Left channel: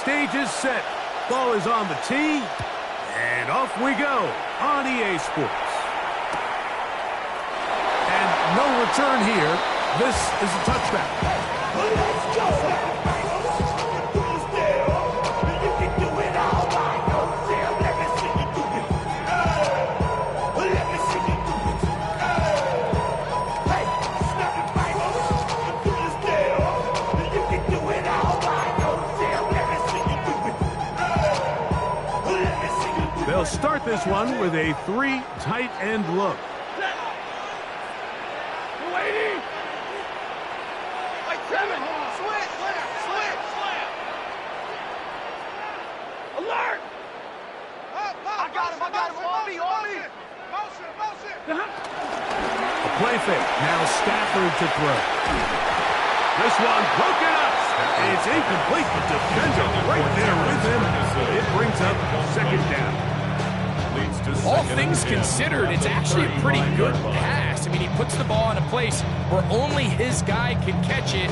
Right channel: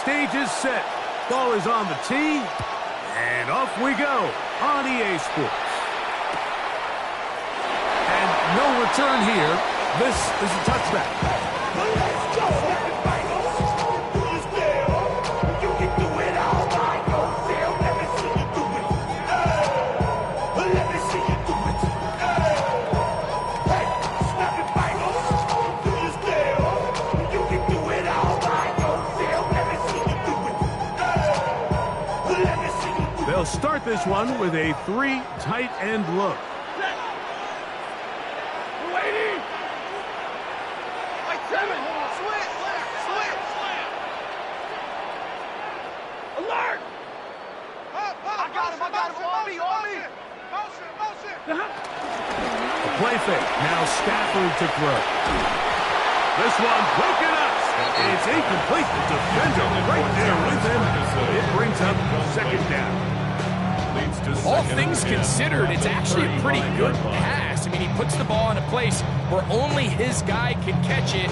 Stage is set. Ball is on the tee. And off we go on EA Sports. And no return here. This is a touchback. Let's go! They'll start this one with a 3 tight end look. We're waiting. Like 7. Switch. Alert. I got him. On me. Motion. A play fake. Now Stafford to throw. This one broken up. It's incomplete. The defender right there with him. It brings up second down. All things considered, it's actually a pretty good pass. I mean, he puts the ball in a place where only his guy can catch it.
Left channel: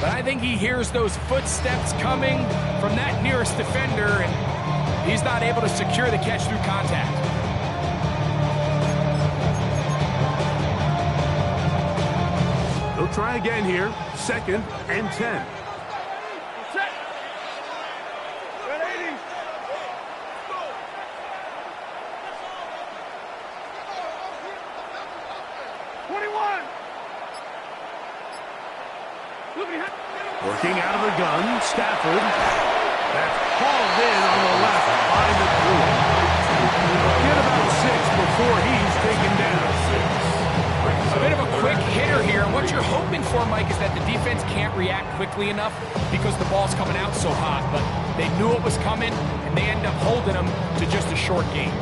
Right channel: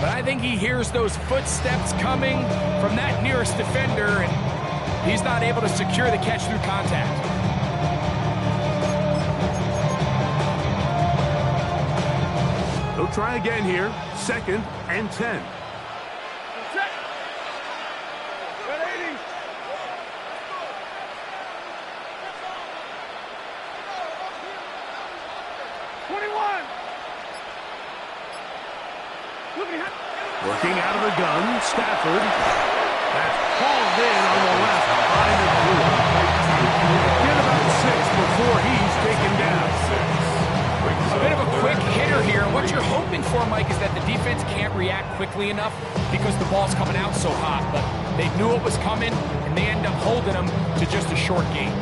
But I think he hears those footsteps coming from that nearest defender, and he's not able to secure the catch through contact. They'll try again here. 2nd and 10. Set. 180. 21. Working out of the gun, Stafford. That's hauled in on the left by the blue. Get about 6 before he's taken down. A bit of a quick hitter here, and what you're hoping for, Mike, is that the defense can't react quickly enough because the ball's coming out so hot, but they knew it was coming, and they end up holding them to just a short gain.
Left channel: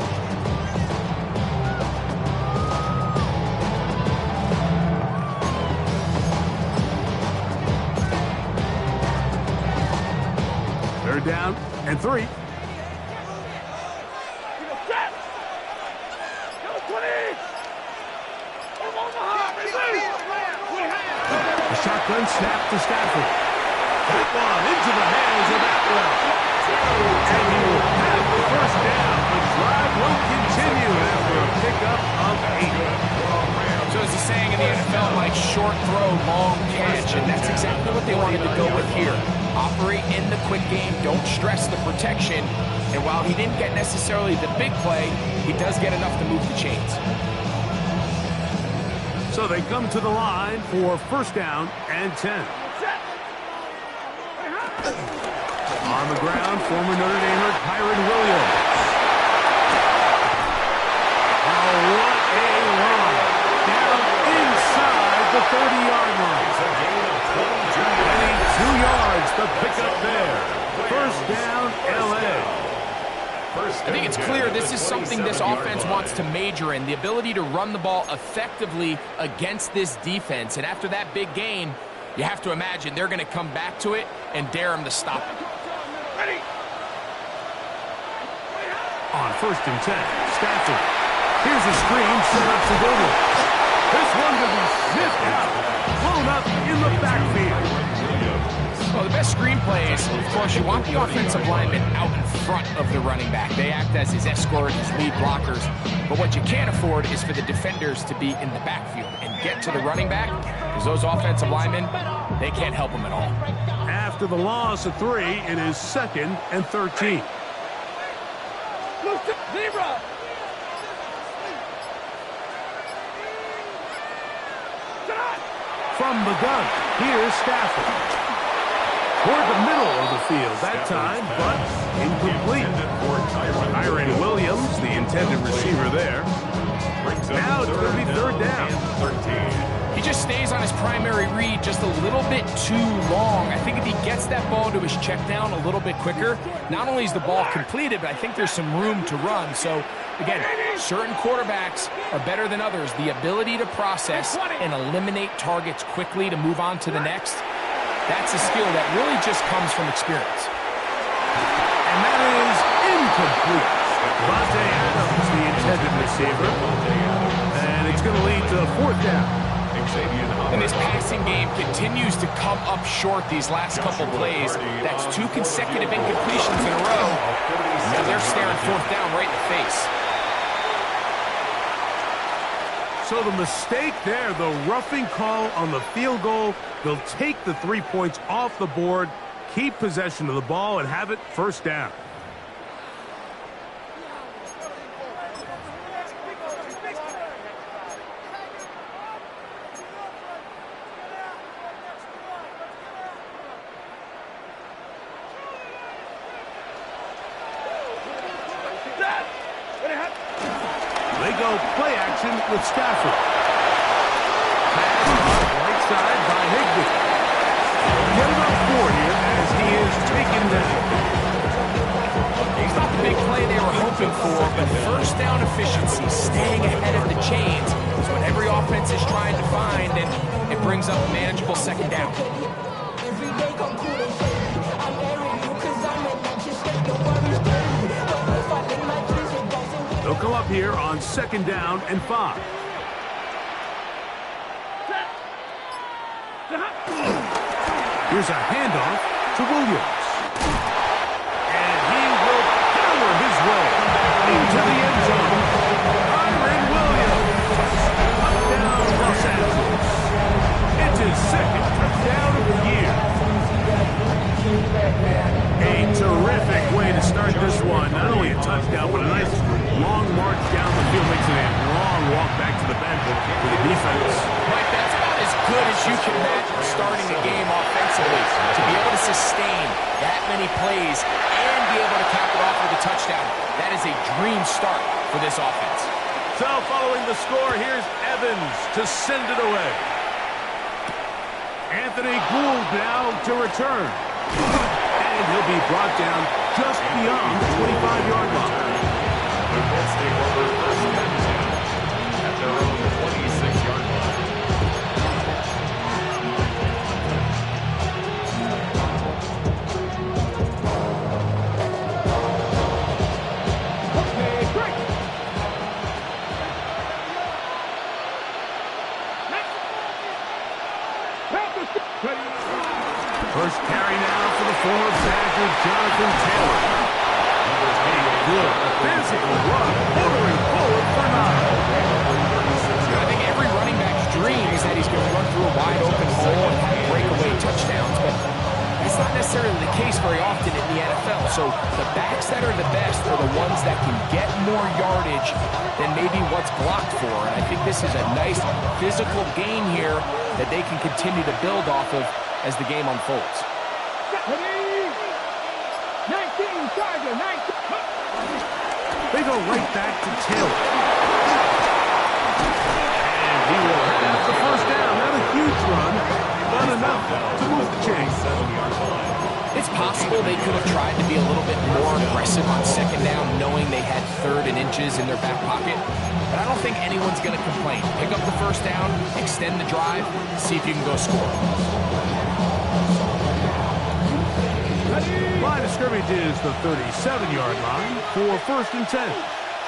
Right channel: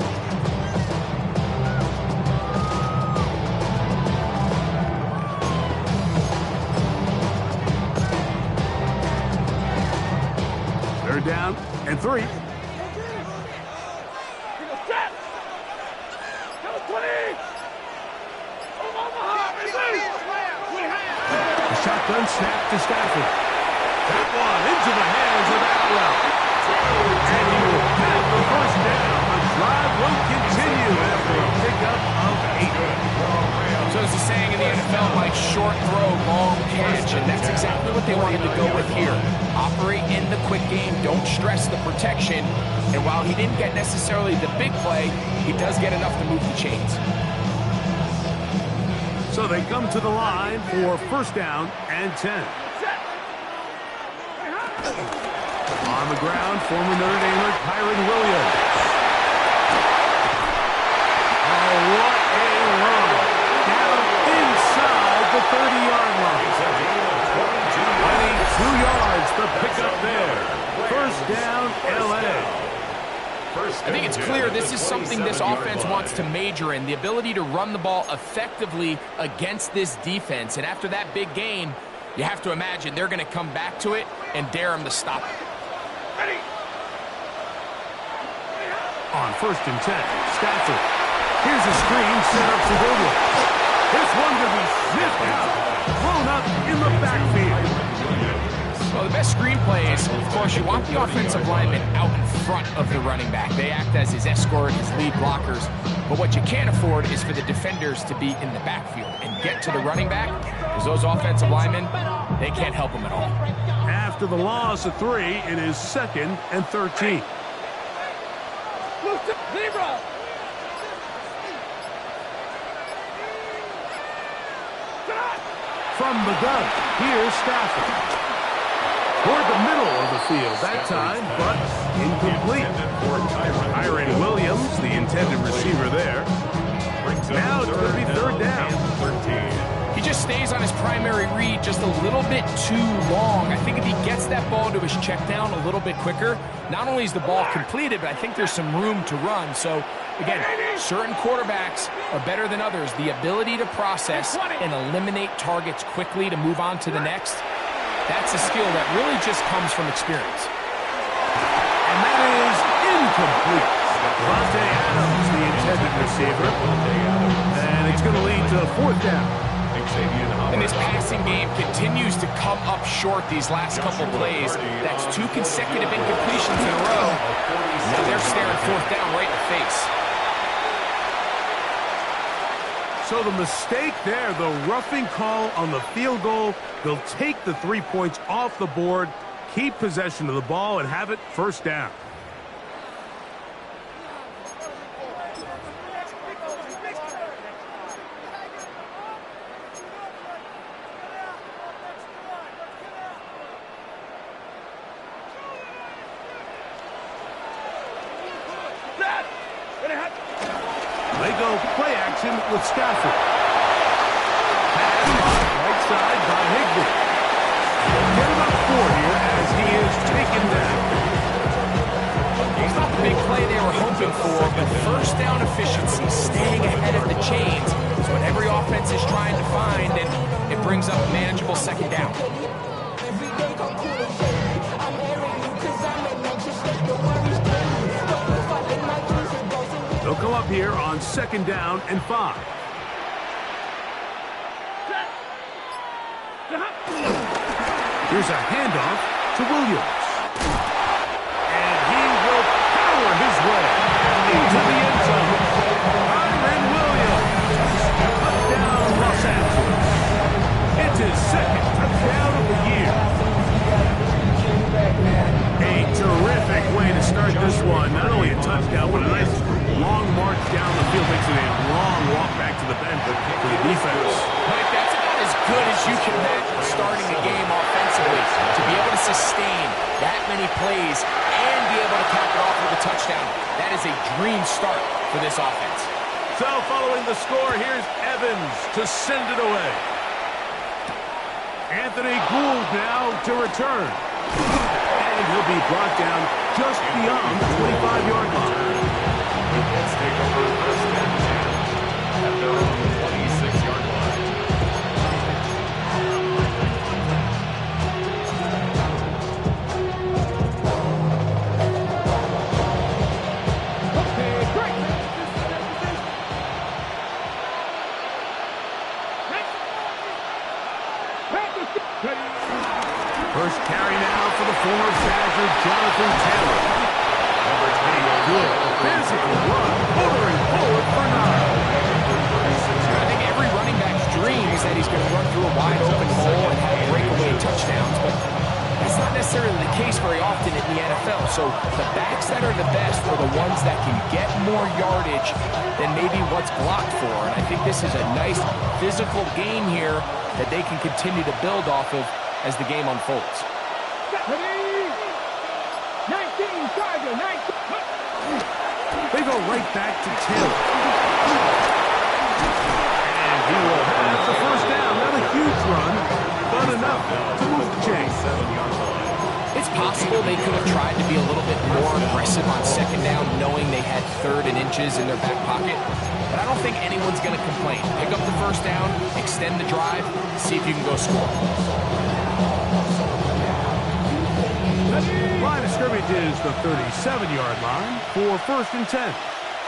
Third down and 3. Set. 20. The shotgun snap to Stafford. That one into the hands of Atwell. And he will have the first down. The drive will continue after a pickup of 8. So as the saying in the NFL, Mike, short throw, long catch, and that's exactly what they wanted to go with here. Operate in the quick game, don't stress the protection, and while he didn't get necessarily the big play, he does get enough to move the chains. So they come to the line for first down and 10. On the ground, former Notre Damer Kyron Williams. Oh, what a run. Down inside the 30-yard line. 22 yards, the pickup there. First down, L.A. I think it's clear this is something this offense wants to major in, the ability to run the ball effectively against this defense. And after that big gain, you have to imagine they're going to come back to it and dare him to stop it. Ready. On first and 10, Stafford. Here's a screen set up to Williams. This one will be sniffed out, blown up in the backfield. Well, the best screenplay is, of course, you want the offensive lineman out in front of the running back. They act as his escort, his lead blockers. But what you can't afford is for the defenders to be in the backfield and get to the running back, because those offensive linemen, they can't help him at all. After the loss of 3, it is 2nd and 13. Zebra. From the gun, here's Stafford. Toward the middle of the field that time, but incomplete. Kyron Williams, the intended receiver there. Now it's going to be third down. He just stays on his primary read just a little bit too long. I think if he gets that ball to his check down a little bit quicker, not only is the ball completed, but I think there's some room to run. So, again, certain quarterbacks are better than others. The ability to process and eliminate targets quickly to move on to the next, that's a skill that really just comes from experience. And that is incomplete. Devontae Adams, the intended receiver. And it's going to lead to fourth down. And this passing game continues to come up short these last couple plays. That's 2 consecutive incompletions in a row. Now they're staring 4th down right in the face. So the mistake there, the roughing call on the field goal. They'll take the 3 points off the board, keep possession of the ball, and have it 1st down. They go play action with Stafford. Pass caught right side by Higbee. Get about 4 here as he is taken down. He's not the big play they were hoping for, but 1st down efficiency, staying ahead of the chains, is what every offense is trying to find, and it brings up a manageable 2nd down. They'll come up here on 2nd down and 5. Here's a handoff to Williams. And he will power his way into the end zone. Kyren Williams. Touchdown, Los Angeles. It's his 2nd touchdown of the year. A terrific way to start this one. Not only a touchdown, but a nice long march down the field. Makes it a long walk back to the bench for the defense. Mike, that's about as good as you can imagine starting a game offensively. To be able to sustain that many plays and be able to cap it off with a touchdown, that is a dream start for this offense. So following the score, here's Evans to send it away. Anthony Gould now to return. And he'll be brought down just beyond the 25-yard line. The Colts take over 1st and 10 at their own 26-yard line. Okay, break. First carry now for the former Badger, Jonathan Taylor. A good physical run, motoring forward for 9. I think every running back's dream is that he's going to run through a wide open hole and have breakaway touchdowns, but that's not necessarily the case very often in the NFL. So the backs that are the best are the ones that can get more yardage than maybe what's blocked for. And I think this is a nice physical gain here that they can continue to build off of as the game unfolds. 19, Charger, 19. They go right back to Taylor. And he will have the 1st down. Not a huge run, but enough to move the chains. 7-yard line. It's possible they could have tried to be a little bit more aggressive on 2nd down, knowing they had 3rd and inches in their back pocket. But I don't think anyone's going to complain. Pick up the 1st down, extend the drive, see if you can go score. Line of scrimmage is the 37-yard line for 1st and 10.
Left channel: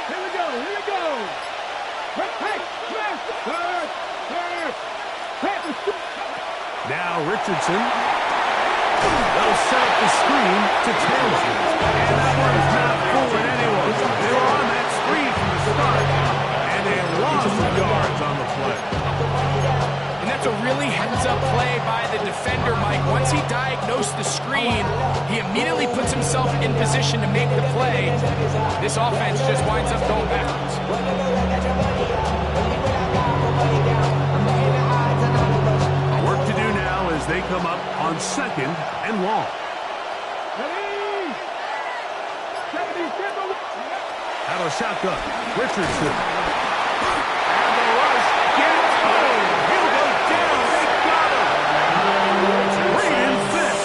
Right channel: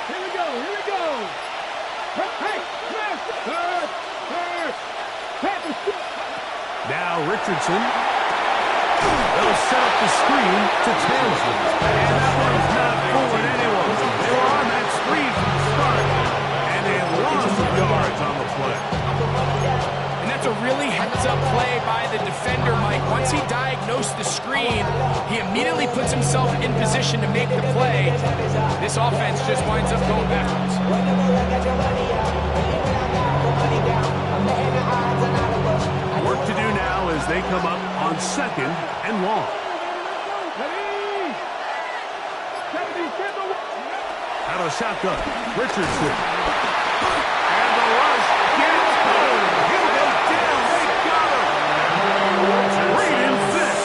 Here we go, here we go. Hey, smash. Now Richardson. They'll set up the screen to Taylor. And that one's not fooling anyone. They were on that screen from the start, and they lost some yards on the play. And that's a really heads-up play by the defender, Mike. Once he diagnosed the screen, he immediately puts himself in position to make the play. This offense just winds up going backwards. Work to do now as they come up on 2nd and long. Out of shotgun, Richardson. And the rush gets home. He'll go down. They got him. Braden Fisk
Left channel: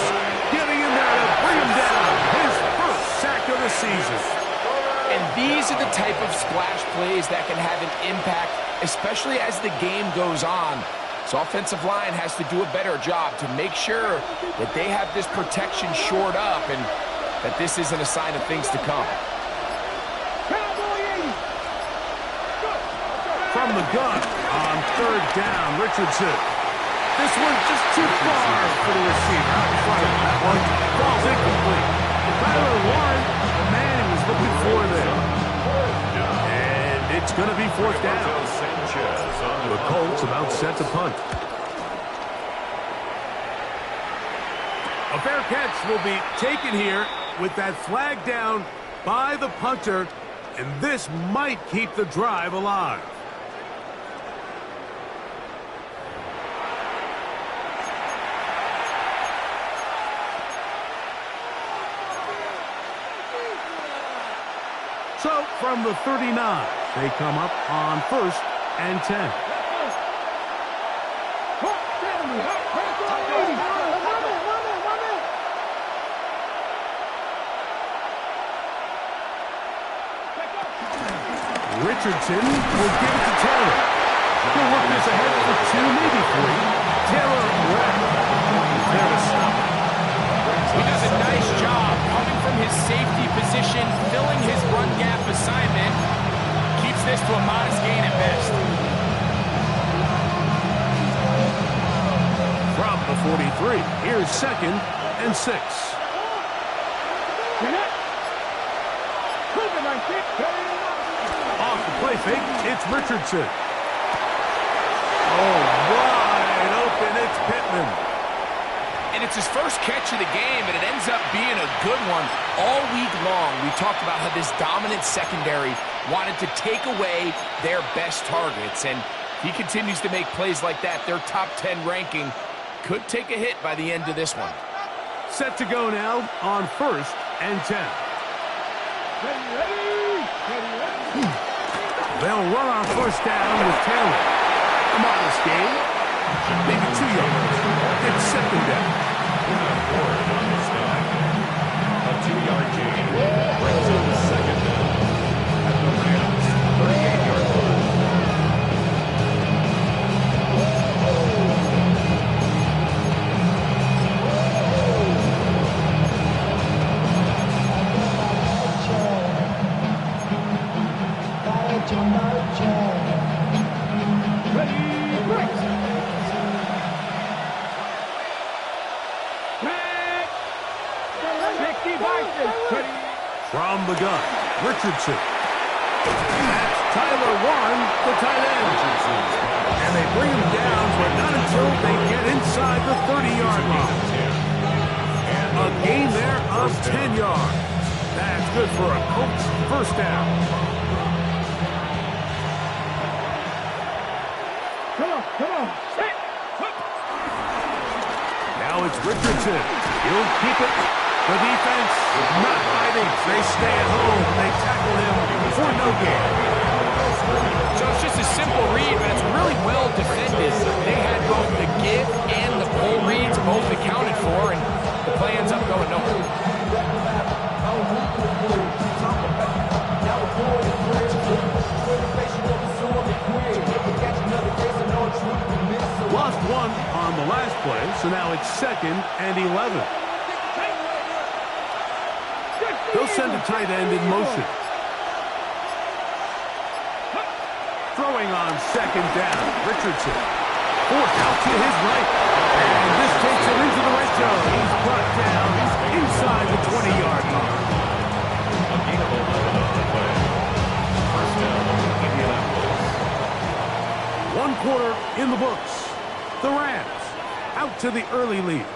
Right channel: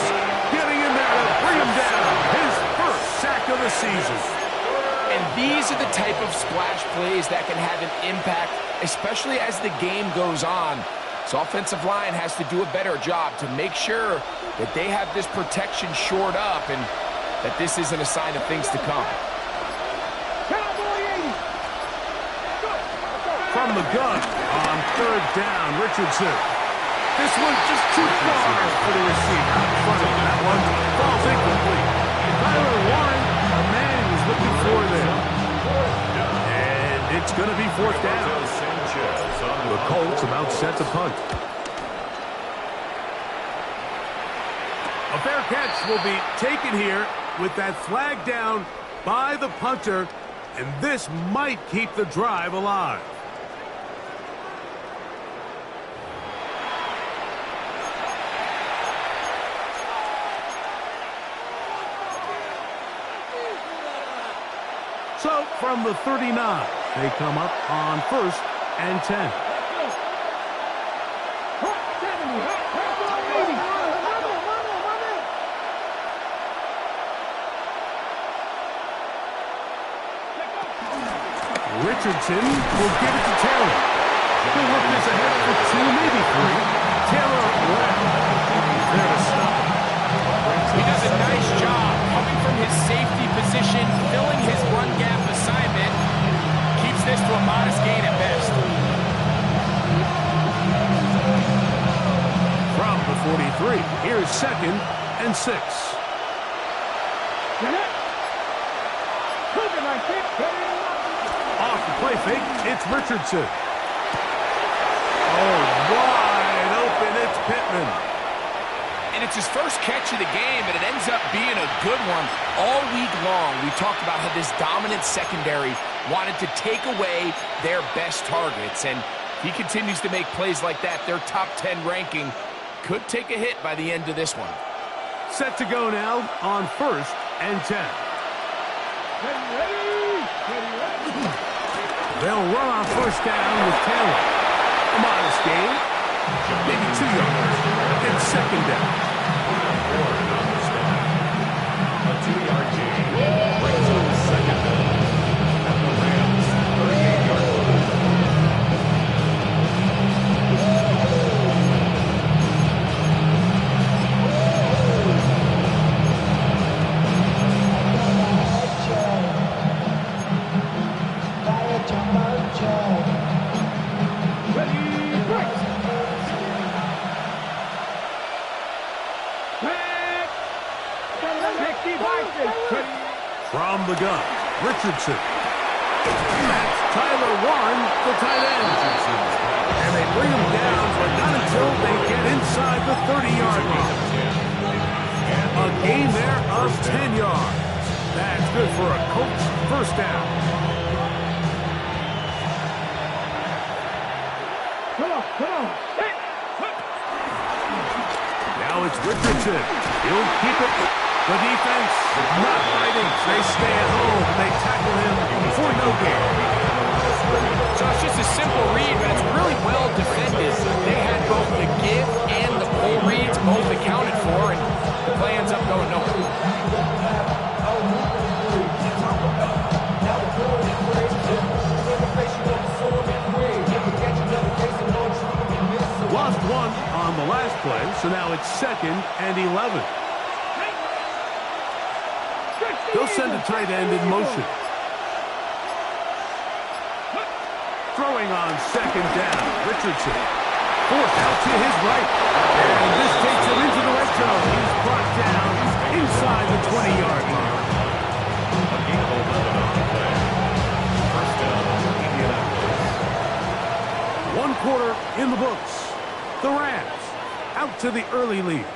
getting in there to bring him down. His 1st sack of the season. And these are the type of splash plays that can have an impact, especially as the game goes on. So offensive line has to do a better job to make sure that they have this protection shored up and that this isn't a sign of things to come. from the gun on third down. Richardson. This one just too far for the receiver out in front of him. That one falls incomplete. Tyler Warren, the man he was looking for there. And it's going to be fourth down. The Colts about set to punt. A fair catch will be taken here with that flag down by the punter, and this might keep the drive alive. So from the 39, they come up on 1st and 10. Richardson will give it to Taylor. He'll work this ahead for 2, maybe 3. Taylor left. He's there to stop him. He does a nice job coming from his safety position, filling his run gap assignment. Keeps this to a modest gain at best. From the 43, here's 2nd and 6. Off the play fake, it's Richardson. Oh, wide open, it's Pittman. And it's his first catch of the game, and it ends up being a good one. All week long, we talked about how this dominant secondary wanted to take away their best targets. And if he continues to make plays like that, their top 10 ranking could take a hit by the end of this one. Set to go now on 1st and 10. They'll run on 1st down with Taylor. A modest gain, maybe 2 yards. It's 2nd down. On the stop. A 2-yard gain brings up 2nd down at the Rams' 38-yard line. From the gun, Richardson. That's Tyler Warren, the tight end. And they bring him down, but not until they get inside the 30-yard line. A gain there of 10 yards. That's good for a Colts first down. Come on. Now it's Richardson. He'll keep it. The defense not fighting. They stay at home. They tackle him for no gain. So it's just a simple read, but it's really well defended. They had both the give and the pull reads both accounted for, and the play ends up going nowhere. Lost 1 on the last play, so now it's 2nd and 11. They'll send a tight end in motion. Throwing on 2nd down, Richardson. Forced out to his right. And this takes him into the red zone. He's brought down inside the 20-yard line. A gain of 11 on the play. First down, Indianapolis. 1 quarter in the books. The Rams out to the early lead.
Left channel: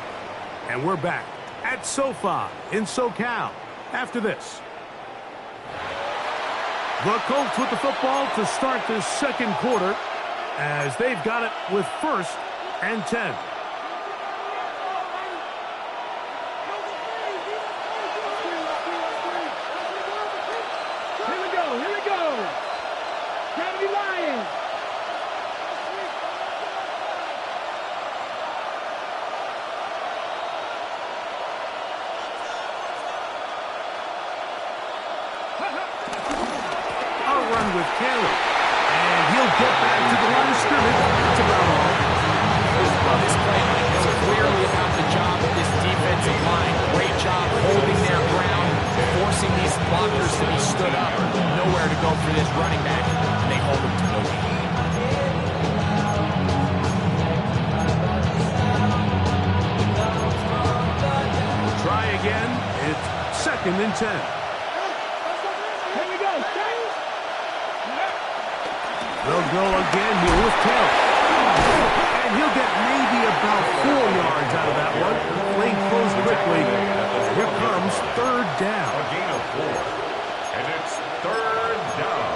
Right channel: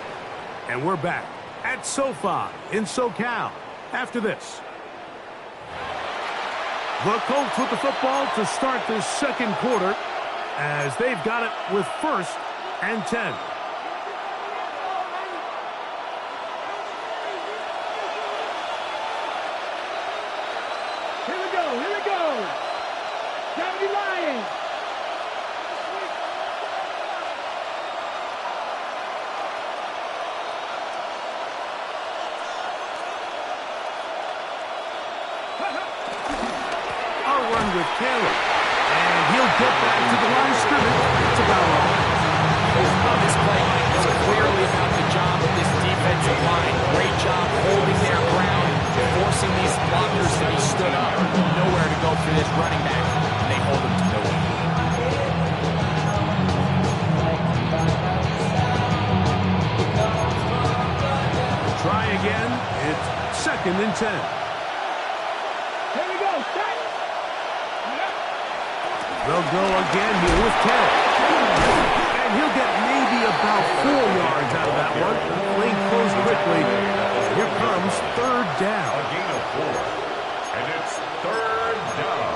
And we're back at SoFi in SoCal after this. The Colts with the football to start this 2nd quarter as they've got it with 1st and 10. Here we go. Gravity Lions. With Taylor, and he'll get back to the line of scrimmage. That's about all. Well, this play, Mike, is clearly about the job of this defensive line. Great job holding their ground, forcing these blockers to be stood up. Nowhere to go for this running back, and they hold them to no gain. again. It's 2nd and 10. Here we go. Start. They'll go again here with Taylor. And he'll get maybe about 4 yards out of that one. Playing close quickly. Here comes 3rd down. A gain of 4. And it's 3rd down.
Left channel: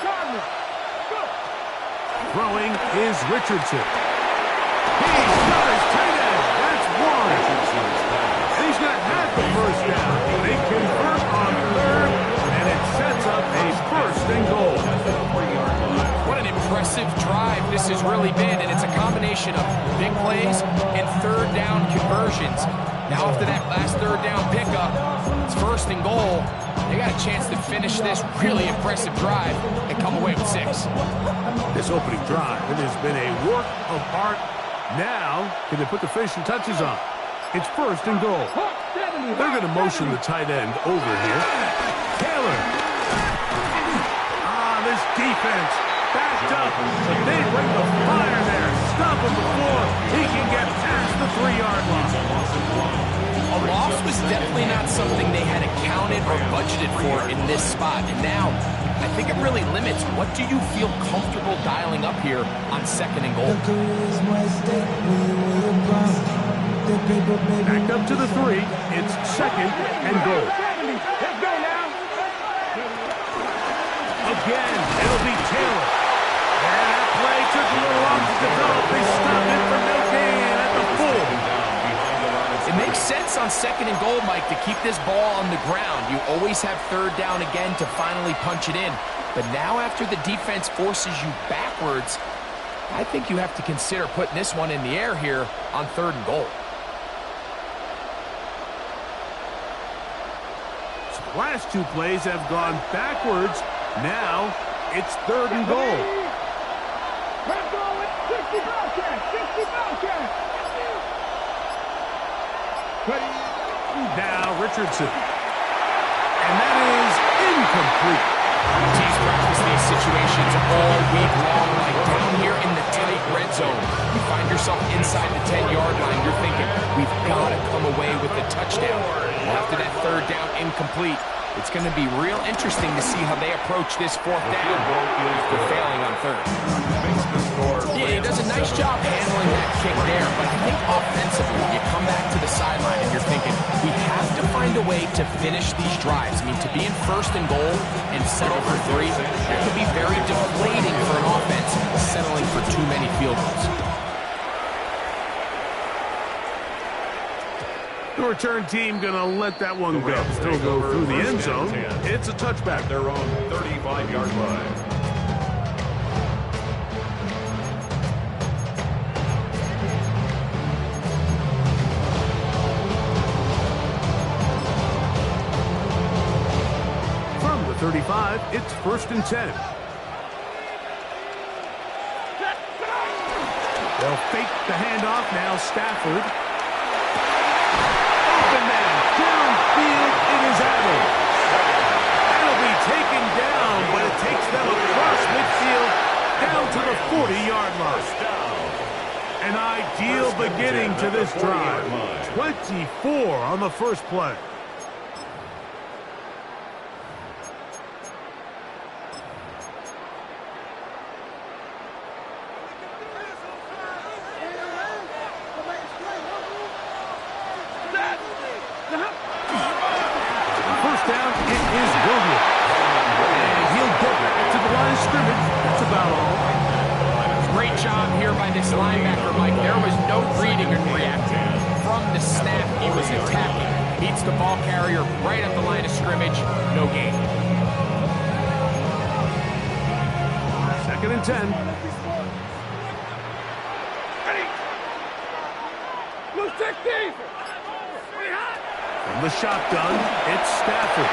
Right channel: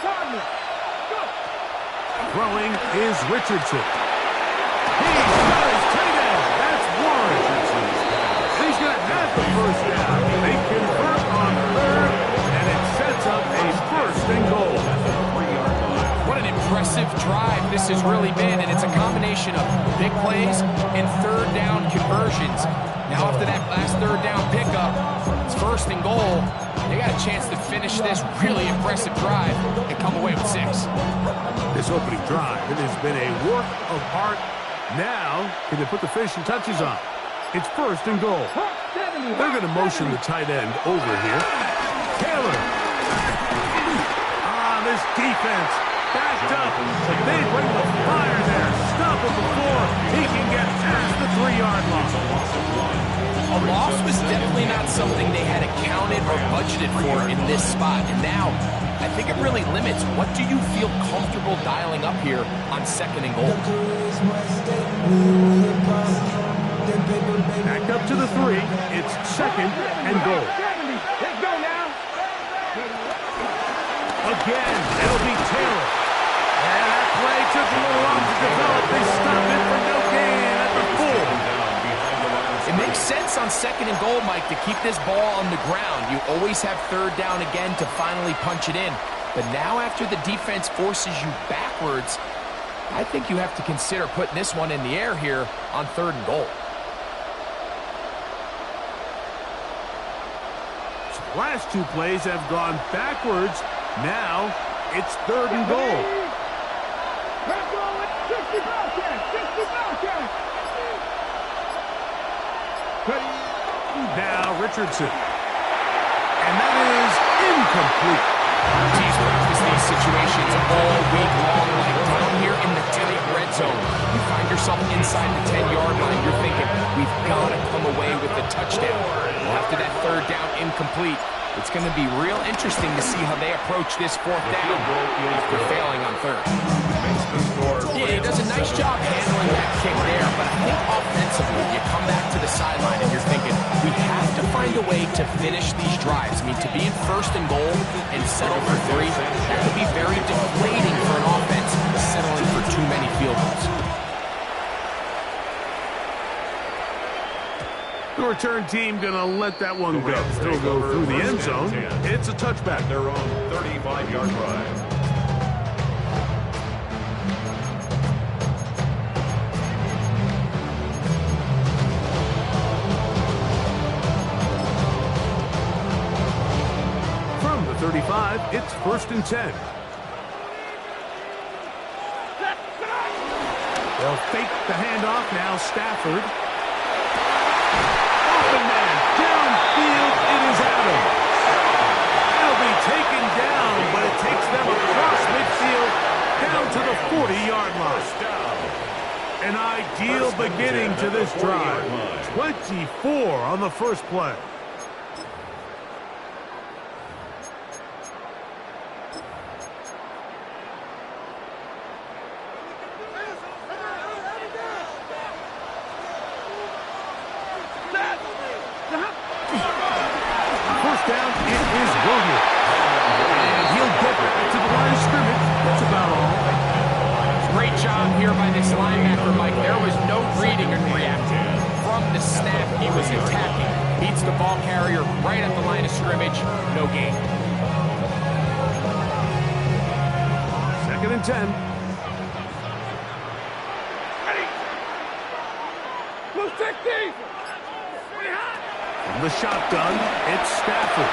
Cardinal. Go. Throwing is Richardson. He's got his tight end. That's one. And he's going to have the 1st down. They convert on 3rd, and it sets up a 1st and goal. What an impressive drive this has really been, and it's a combination of big plays and 3rd down conversions. Now after that last 3rd down pickup, it's 1st and goal. They got a chance to finish this really impressive drive and come away with 6. This opening drive, it has been a work of art. Now, can they put the finishing touches on? It's 1st and goal. They're going to motion the tight end over here. Taylor. This defense backed up, but they bring the fire there. Stop him before he can get past the 3-yard line. A loss was definitely not something they had accounted or budgeted for in this spot. And now, I think it really limits what do you feel comfortable dialing up here on 2nd and goal. Back up to the 3. It's 2nd and goal. Let's go now. Again, it'll be Taylor. And that play took a little long to develop. They stopped it for no gain at the full. It makes sense on 2nd and goal, Mike, to keep this ball on the ground. You always have 3rd down again to finally punch it in. But now after the defense forces you backwards, I think you have to consider putting this one in the air here on 3rd and goal. So the last 2 plays have gone backwards. Now it's 3rd and goal. Let's go with 60 Bellcat. 60 Bellcat. Now Richardson. And that is incomplete. Teams practice these situations all week long, like down here in the tight red zone. You find yourself inside the 10-yard line, you're thinking, we've got to come away with the touchdown. Well, after that 3rd down incomplete, it's going to be real interesting to see how they approach this 4th down after failing on 3rd. Yeah, he does a nice job handling that kick there, but I think offensively, you come back to the sideline and you're thinking, we have to find a way to finish these drives. I mean, to be in 1st and goal and settle for 3, that could be very deflating for an offense settling for too many field goals. The return team going to let that one go. Still go through the end zone. It's a touchback. Their own 35-yard line. From the 35, it's 1st and 10. They'll fake the handoff. Now Stafford. Open man, downfield, it is Adams. That'll be taken down, but it takes them across midfield down to the 40-yard line. An ideal beginning to this drive. 24 on the first play. First down, it is Williams. And he'll get back to the line of scrimmage. That's about all. Great job here by this linebacker, Mike. There was no reading and reacting. From the snap, he was attacking. Beats the ball carrier right at the line of scrimmage. No gain. 2nd and 10. Ready. Blue 60. From the shotgun, it's Stafford.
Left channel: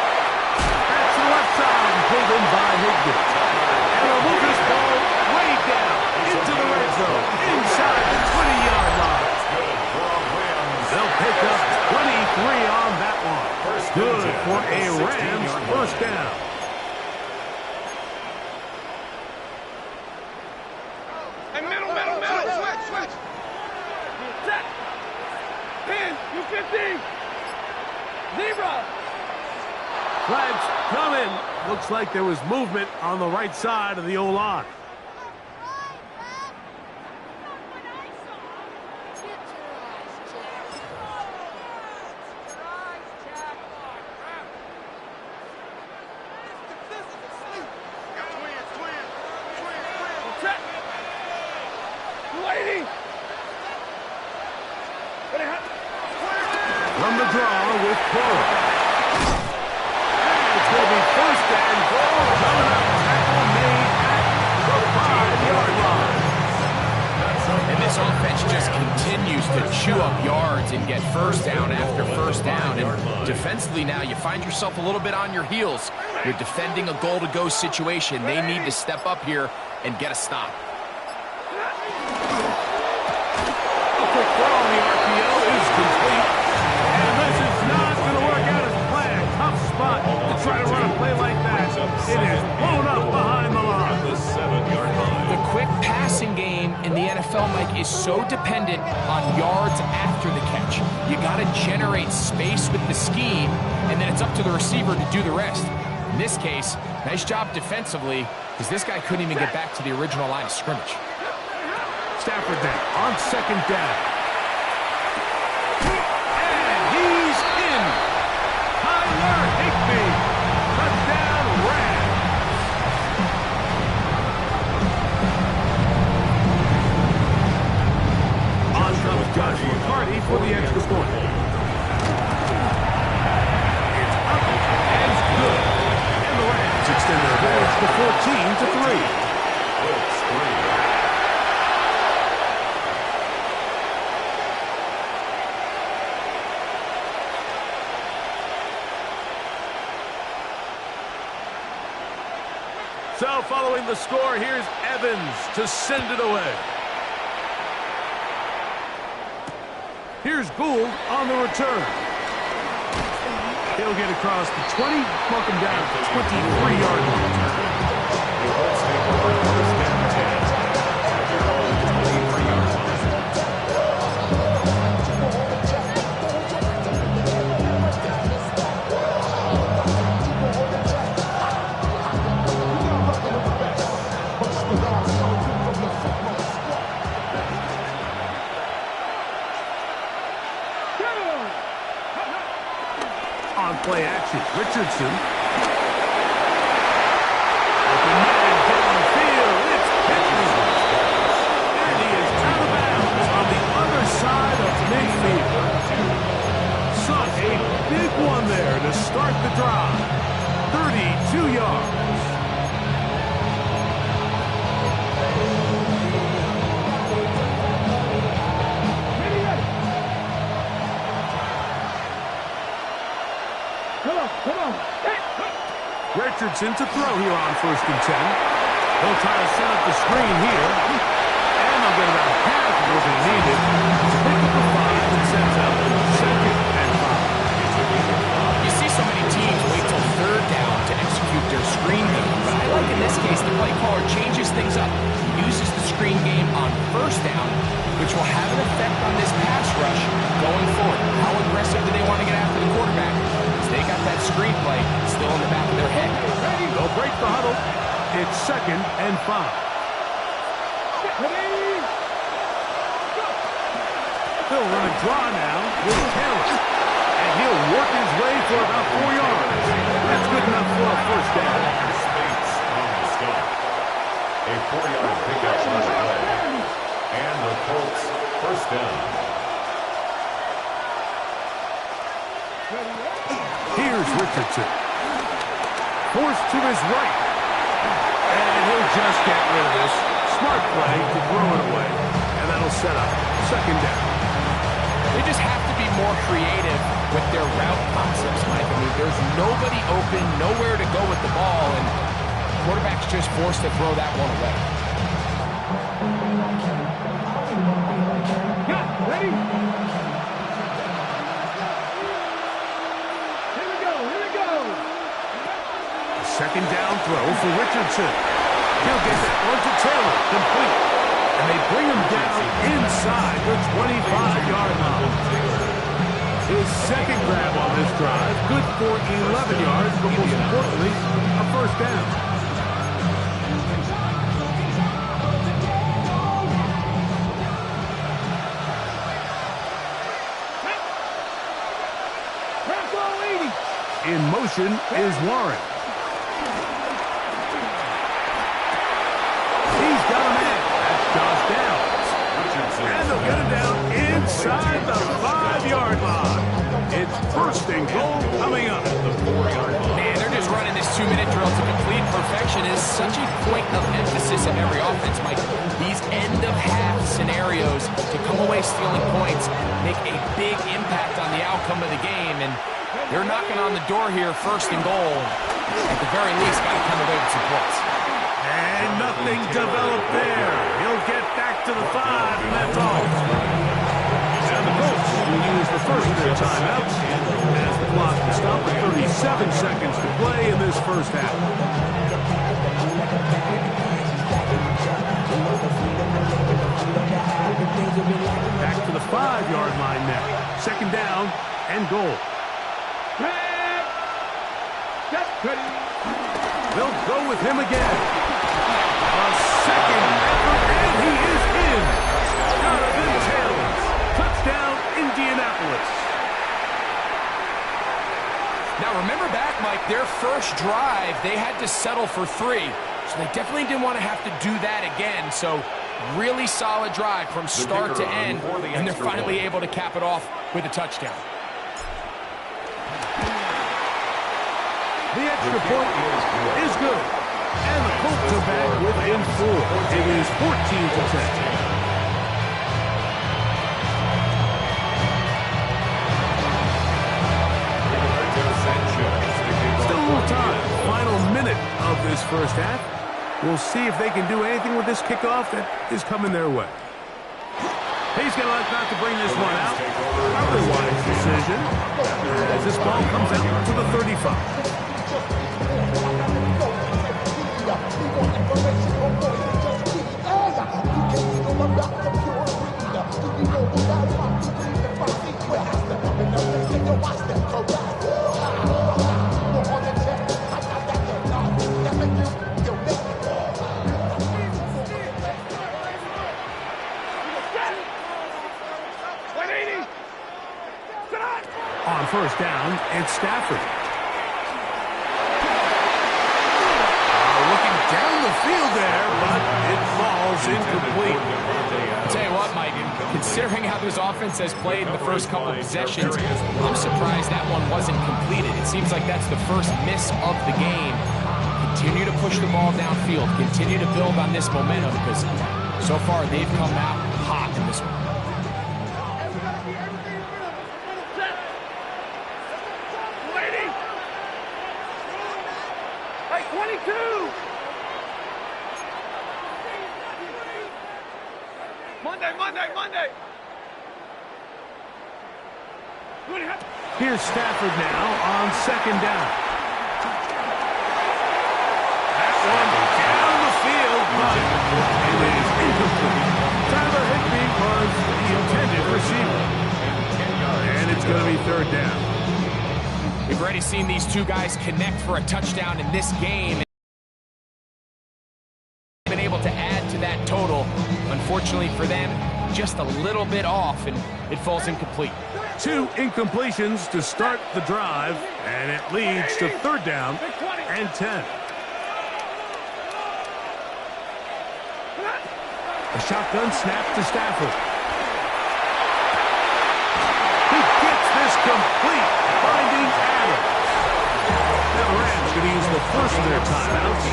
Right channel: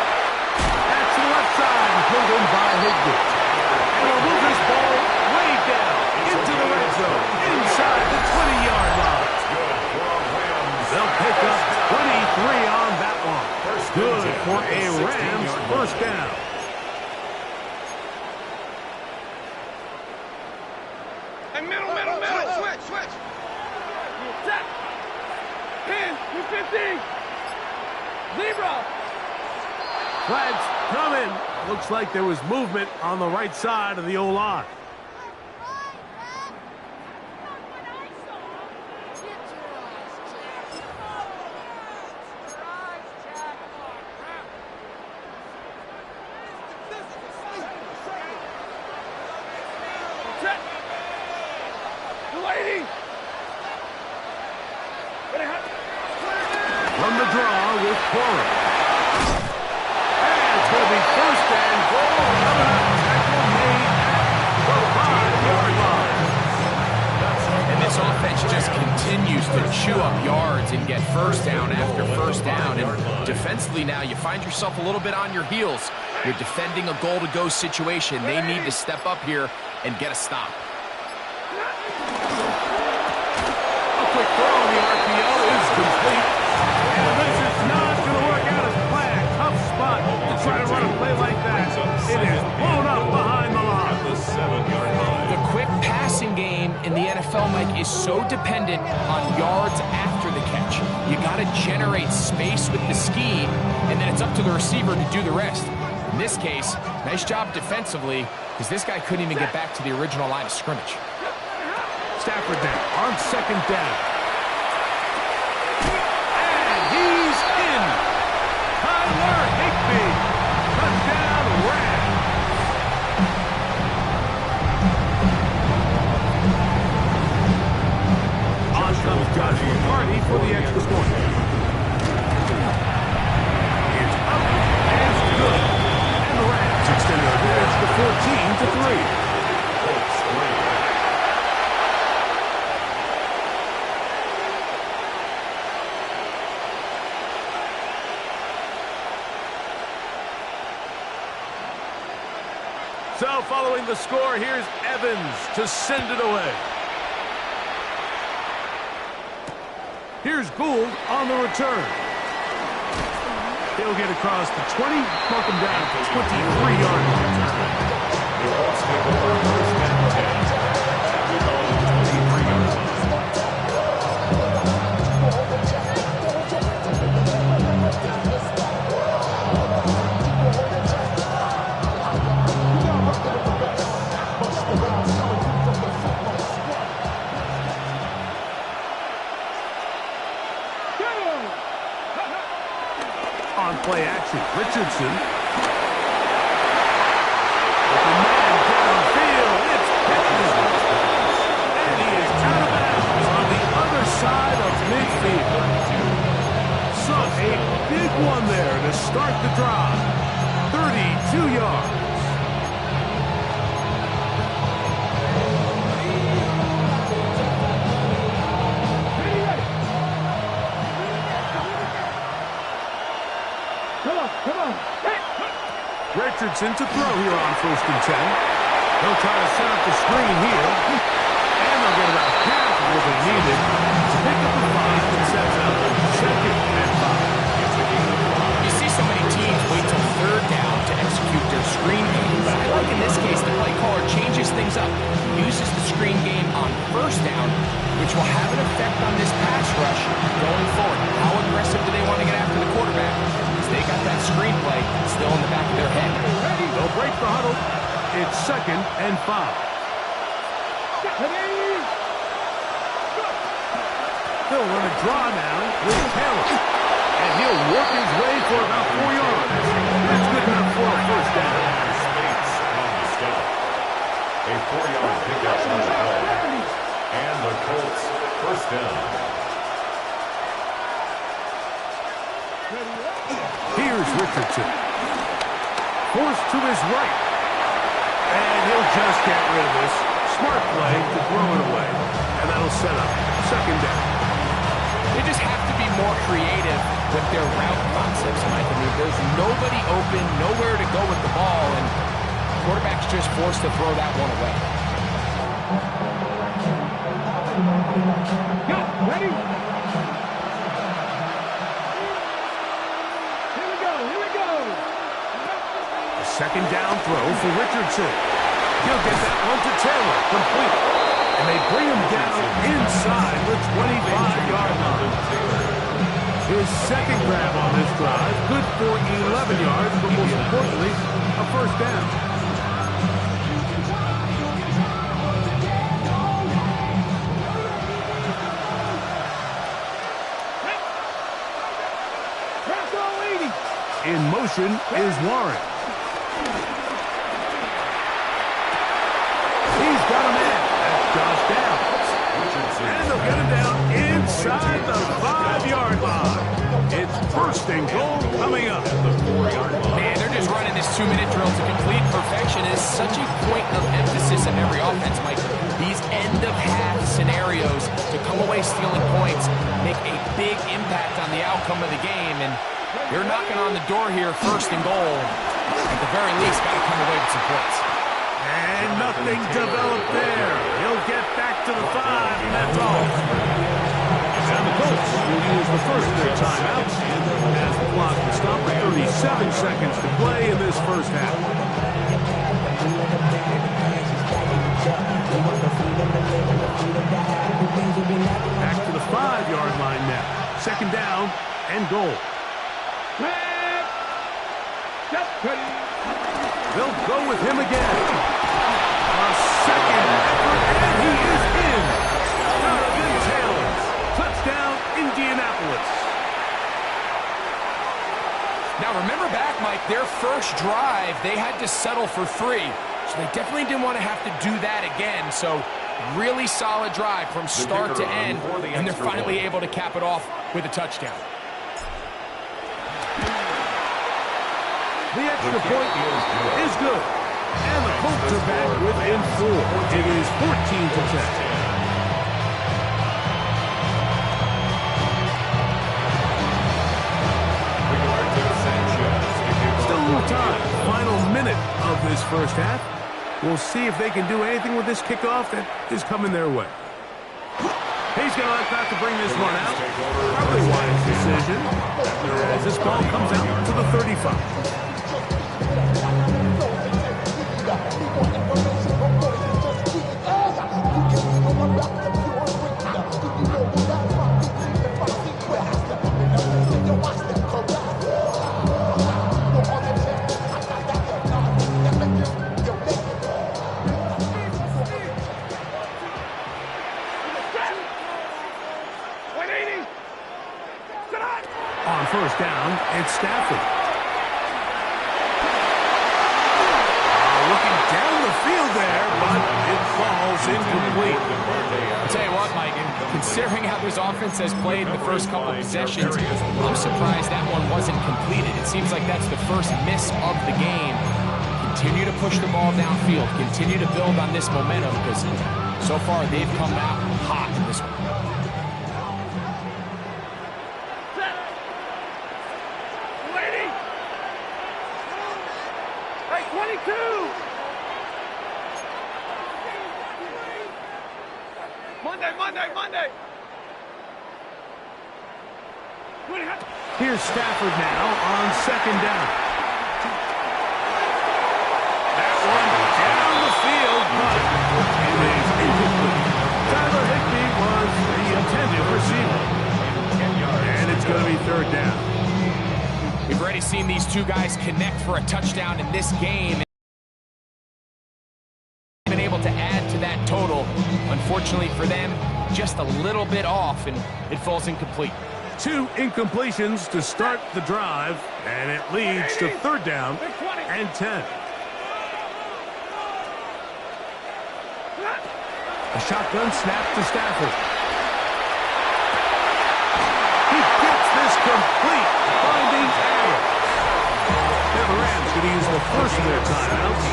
That's to the left side, pulled in by Higbee. And they'll move this ball way down into the red zone, inside the 20-yard line. Good for a Rams. They'll pick up 23 on that one. Good for a Rams first down. Hey, middle. Switch. Set. Pin. 250. Zebra. Flags coming. Looks like there was movement on the right side of the O-line. From the draw with Cora. And it's going to be first and goal. Coming up, tackle made at the 5-yard line. And this offense just continues to chew up yards and get first down after first down. And defensively now, you find yourself a little bit on your heels. You're defending a goal-to-go situation. They need to step up here and get a stop. A quick throw on the RPO is complete. And this is not going to work out as planned. Tough spot to try to run a play like that. It is blown up behind the line. The 7-yard line. The quick passing game in the NFL, Mike, is so dependent on yards after the catch. You got to generate space with the scheme, and then it's up to the receiver to do the rest. In this case, nice job defensively, because this guy couldn't even get back to the original line of scrimmage. Stafford there on second down. And he's in. Tyler Higbee. Touchdown Rams. On comes Josh McCarty for the extra point. It's up and it's good. And the Rams extend their advantage to 14-3. Colts 3. So following the score, here's Evans to send it away. Here's Gould on the return. He'll get across the 20, mark him down at the 23-yard line. The Colts take over first and 10 at their own 23-yard line. On play action, Richardson. Open man downfield. It's Pittman. And he is out of bounds on the other side of midfield. Son, a big one there to start the drive. 32 yards. Come on. Richardson to throw here on first and 10. They'll try to set up the screen here. And they'll get about half of what they needed to pick up the 5 and sets up second and 5. You see so many teams wait till third down to execute their screen game, but I like in this case the play caller changes things up. He uses the screen game on first down, which will have an effect on this pass rush going forward. How aggressive do they want to get after the quarterback? Because they got that screenplay still in the back of their head. They'll break the huddle. It's second and 5. They'll run a draw now with Taylor. And he'll work his way for about 4 yards. That's good enough for a first down. Spates on the stop. A 4-yard pickup on the play. And the Colts first down. Here's Richardson. Forced to his right. And he'll just get rid of this. Smart play to throw it away. And that'll set up second down. They just have to be more creative with their route concepts, Mike. I mean, there's nobody open, nowhere to go with the ball, and quarterback's just forced to throw that one away. Got, ready? Here we go, here we go. A second down throw for Richardson. He'll get that one to Taylor, complete. And they bring him down inside the 25-yard line. His second grab on this drive, good for 11 yards, but most importantly, a first down. In motion is Warren. He's got a man. That's Josh Downs. And they'll get him down inside the 5-yard line. It's first and goal coming up. Man, they're just running this 2-minute drill to complete perfection. It is such a point of emphasis of every offense, Mike. These end-of-half scenarios to come away stealing points make a big impact on the outcome of the game. And they're knocking on the door here, first and goal. At the very least, got to come away with some points. And nothing developed there. He'll get back to the 5, and that's all. And the Colts will use the first of their timeouts as the clock will stop at 37 seconds to play in this first half. Back to the 5-yard line now. Second down and goal. They'll go with him again. A second effort, and he is in. Jonathan Taylor. Touchdown, Indianapolis. Now, remember back, Mike, their first drive, they had to settle for 3. So they definitely didn't want to have to do that again. So really solid drive from start to end, and they're finally able to cap it off with a touchdown. The extra point is good. And the Colts are back within 4. It is 14-10. Still a little time. Final minute of this first half. We'll see if they can do anything with this kickoff that is coming their way. He's going to like not to bring this one out. Probably a wise decision as this ball comes out to the 35. On first down, it's Stafford. Looking down the field there, but it falls incomplete. I'll tell you what, Mike, considering how this offense has played the first couple of possessions, I'm surprised that one wasn't completed. It seems like that's the first miss of the game. Continue to push the ball downfield. Continue to build on this momentum because so far they've come out hot in this one. Hey, 22! Monday! Here's Stafford now on second down. That one down the field, but it is incomplete. Tyler Higbee was the intended receiver. And it's going to be third down. We've already seen these two guys connect for a touchdown in this game. Been able to add to that total. Unfortunately for them, just a little bit off, and it falls incomplete. 2 incompletions to start the drive, and it leads to third down and 10. A shotgun snap to Stafford. He gets this complete, finding Adams. Now the Rams going to use the first of their timeouts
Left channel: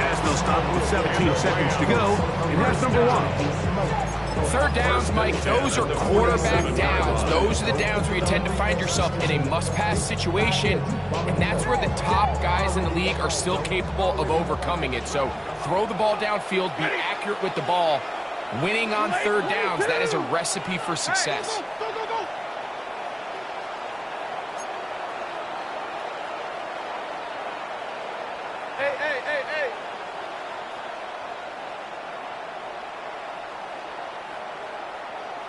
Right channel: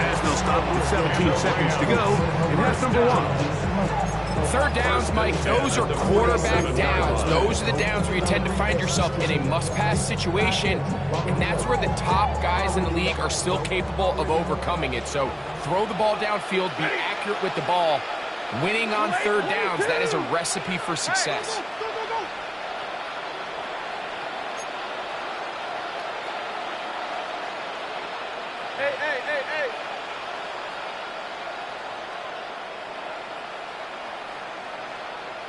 as they'll stop with 17 seconds to go in half number 1. Third downs, Mike, those are quarterback downs. Those are the downs where you tend to find yourself in a must-pass situation, and that's where the top guys in the league are still capable of overcoming it. So throw the ball downfield, be accurate with the ball, Winning on third downs, that is a recipe for success. Go, go, go, go. Hey, hey, hey, hey.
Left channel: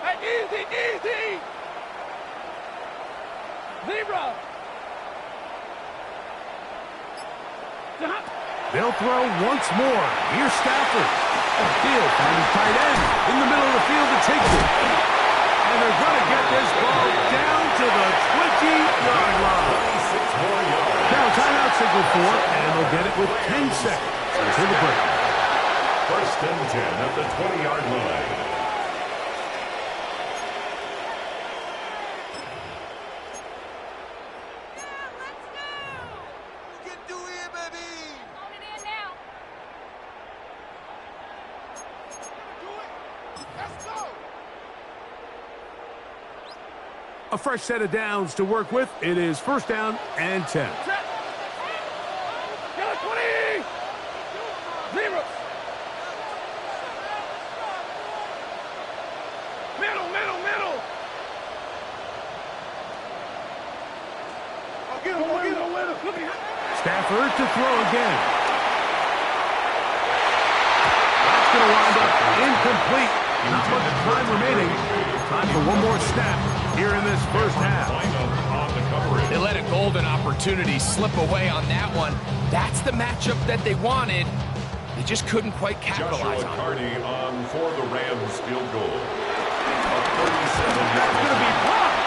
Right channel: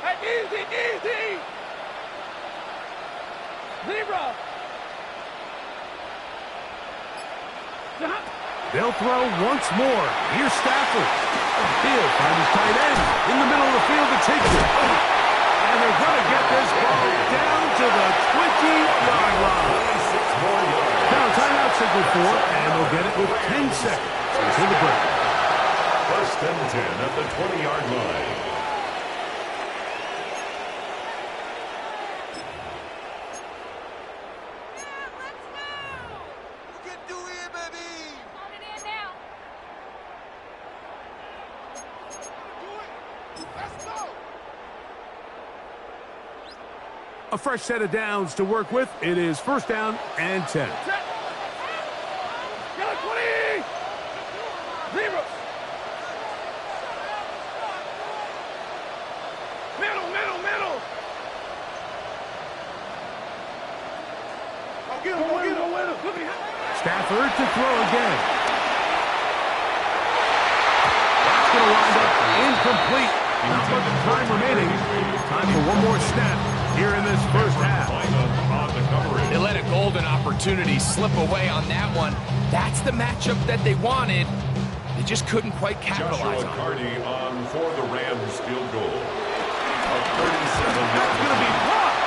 Hey, easy, easy. Zebra. They'll throw once more. Here's Stafford. He'll find his tight end in the middle of the field to take it. And they're going to get this ball down to the 20-yard line. 26 more yards. Now timeout signal for, and they'll get it with 10 seconds until the break. First and 10 at the 20-yard line. A fresh set of downs to work with. It is first down and 10. Get a 20. Zebra. Middle, middle, middle. I'll get him, go get him. Stafford to throw again. That's going to wind up incomplete. Not much time remaining. Time for one more snap here in this first half. They let a golden opportunity slip away on that one. That's the matchup that they wanted. They just couldn't quite capitalize Joshua on it. Carty on for the Rams field goal. A 37. That's going to be blocked.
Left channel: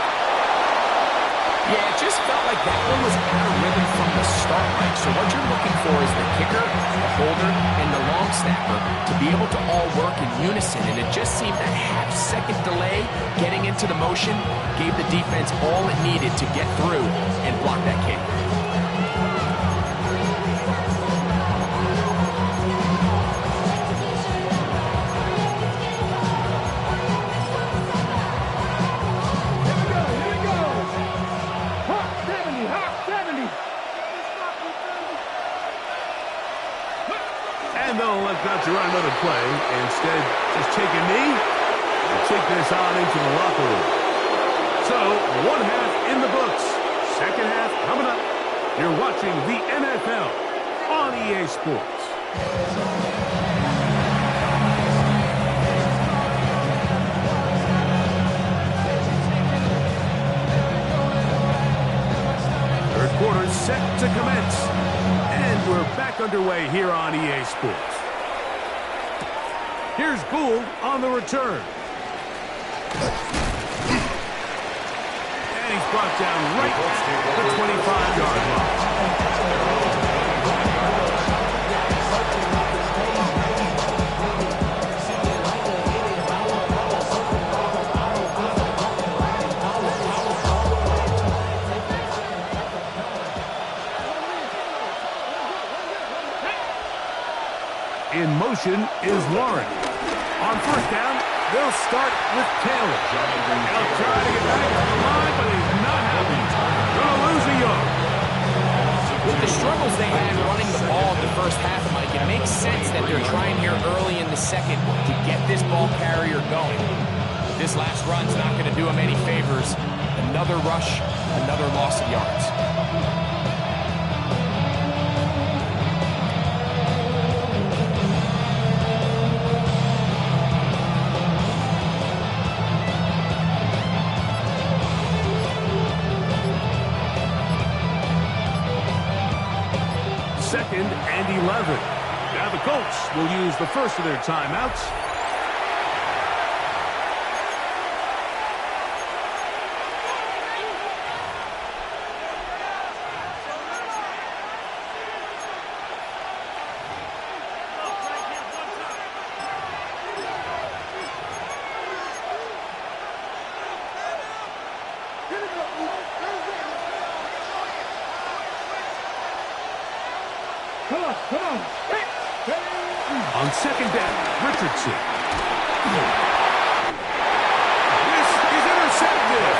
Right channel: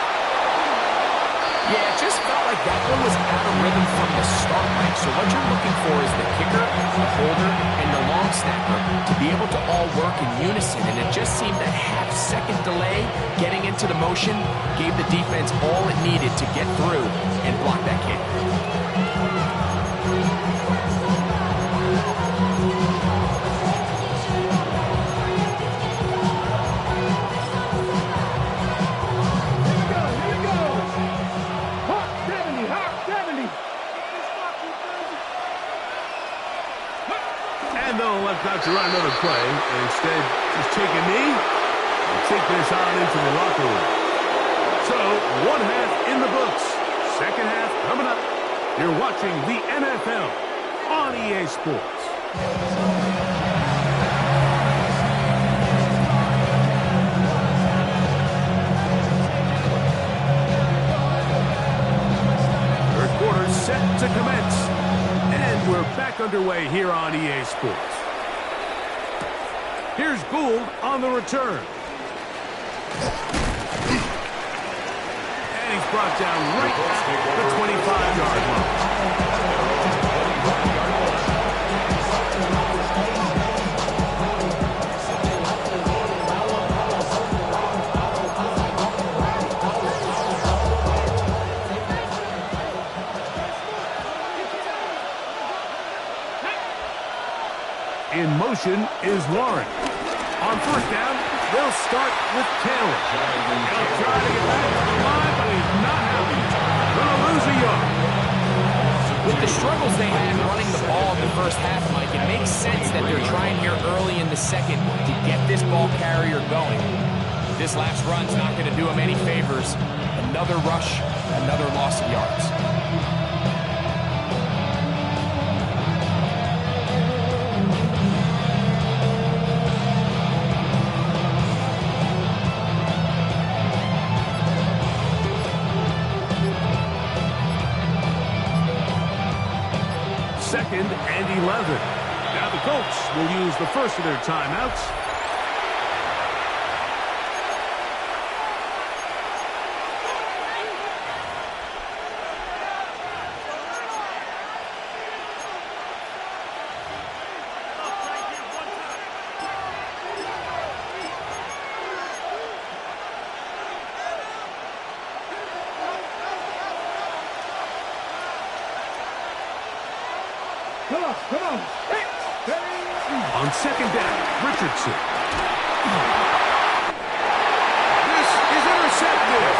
Yeah, it just felt like that one was out of rhythm from the start, Mike. So what you're looking for is the kicker, the holder, and the long snapper to be able to all work in unison. And it just seemed that half-second delay getting into the motion gave the defense all it needed to get through and block that kick. And they'll elect not to run another play. Instead, just take a knee and take this on into the locker room. So, one half in the books. Second half coming up. You're watching the NFL on EA Sports. Third quarter set to commence. And we're back underway here on EA Sports. Here's Gould on the return. And he's brought down right at the 25-yard line. In motion is Warren. On first down, they'll start with Taylor. He'll try to get back on the line, but he's not happy. Gonna lose a yard. With the struggles they had running the ball in the first half, Mike, it makes sense that they're trying here early in the second to get this ball carrier going. This last run's not going to do him any favors. Another rush, another loss of yards. Second and 11. Now the Colts will use the first of their timeouts. Come on. Hey. On second down, Richardson. This is intercepted.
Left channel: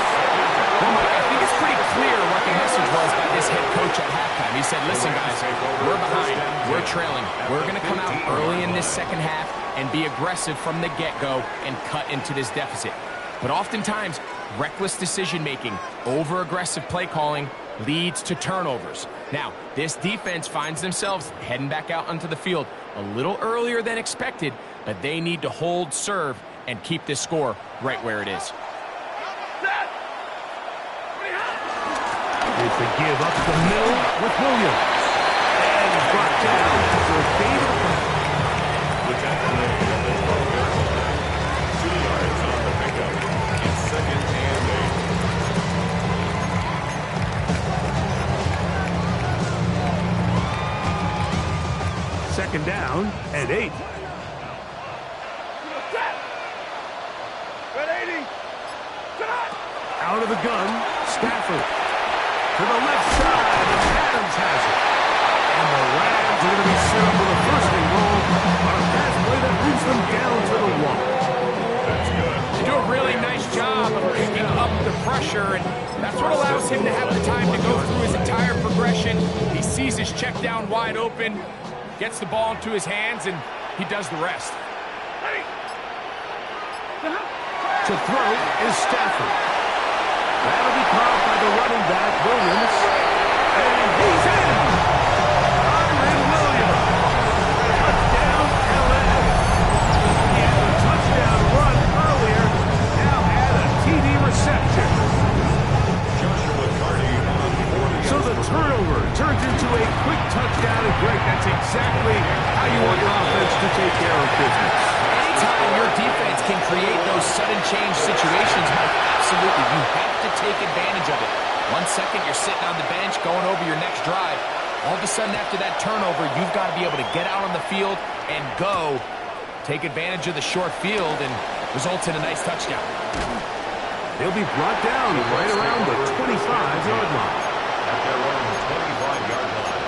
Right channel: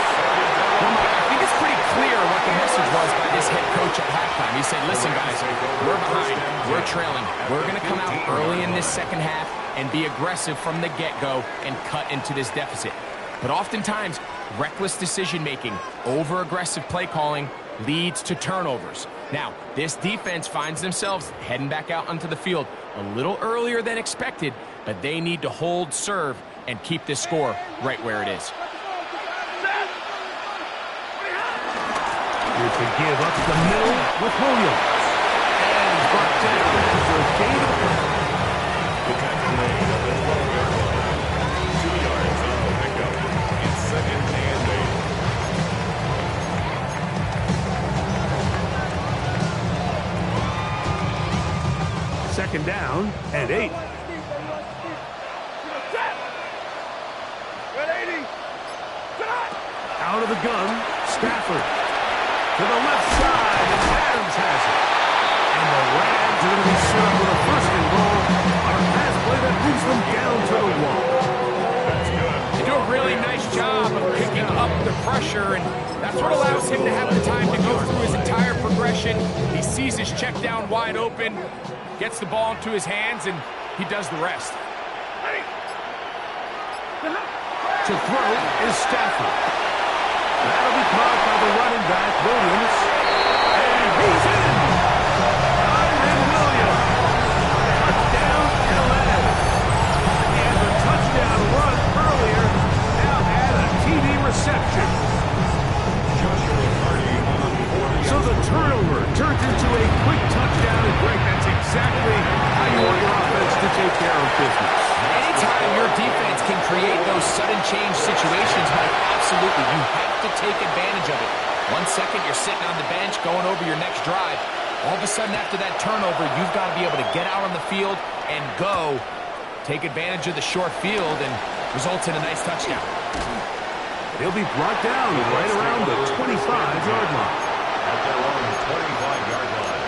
Well, Mike, I think it's pretty clear what the message was by this head coach at halftime. He said, listen, guys, we're behind. We're trailing. We're going to come out early in this second half, and be aggressive from the get-go and cut into this deficit. But oftentimes, reckless decision-making, over-aggressive play calling leads to turnovers. Now, this defense finds themselves heading back out onto the field a little earlier than expected, but they need to hold serve and keep this score right where it is. It's a give up the middle with Williams. And he's brought down after a gain of The tackle made at the 12-yard line. 2 yards on the pickup. It's 2nd and 8. 2nd down and 8. Out of the gun, Stafford. To the left side, and Adams has it. And the Rams are going to be set up with a 1st and goal on a pass play that moves them down to the 1. That's good. They do a really nice job of picking up the pressure, and that's what allows him to have the time to go through his entire progression. He sees his check down wide open, gets the ball into his hands, and he does the rest. To throw is Stafford. That'll be caught by the running back, Williams. And he's in! Kyren Williams. Touchdown, L.A. He had the touchdown run earlier. Now add a TD reception. Joshua Carty on 40. So the turnover turns into a quick touchdown. And Greg, that's exactly how you want your offense to take care of business. Anytime your defense can create those sudden change situations, Mike, absolutely, you have to take advantage of it. 1 second, you're sitting on the bench, going over your next drive. All of a sudden, after that turnover, you've got to be able to get out on the field and go. Take advantage of the short field and results in a nice touchdown. He'll be brought down right around the 25-yard line. At their own 25-yard line.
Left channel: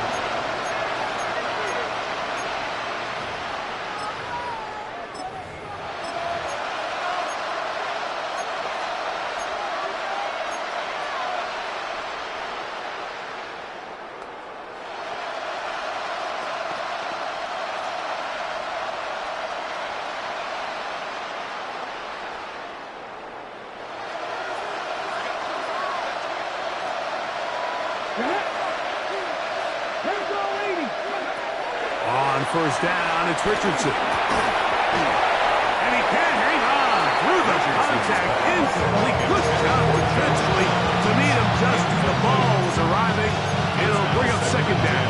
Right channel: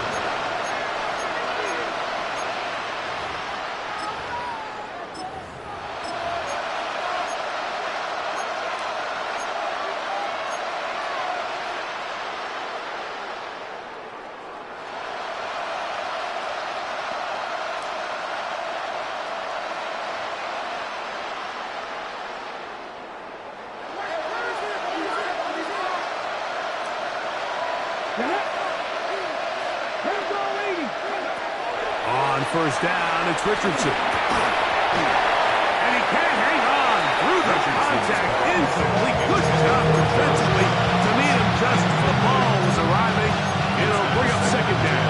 On 1st down, it's Richardson. And he can't hang on through the contact. Incomplete. Good job defensively to meet him just as the ball was arriving. It'll bring up 2nd down.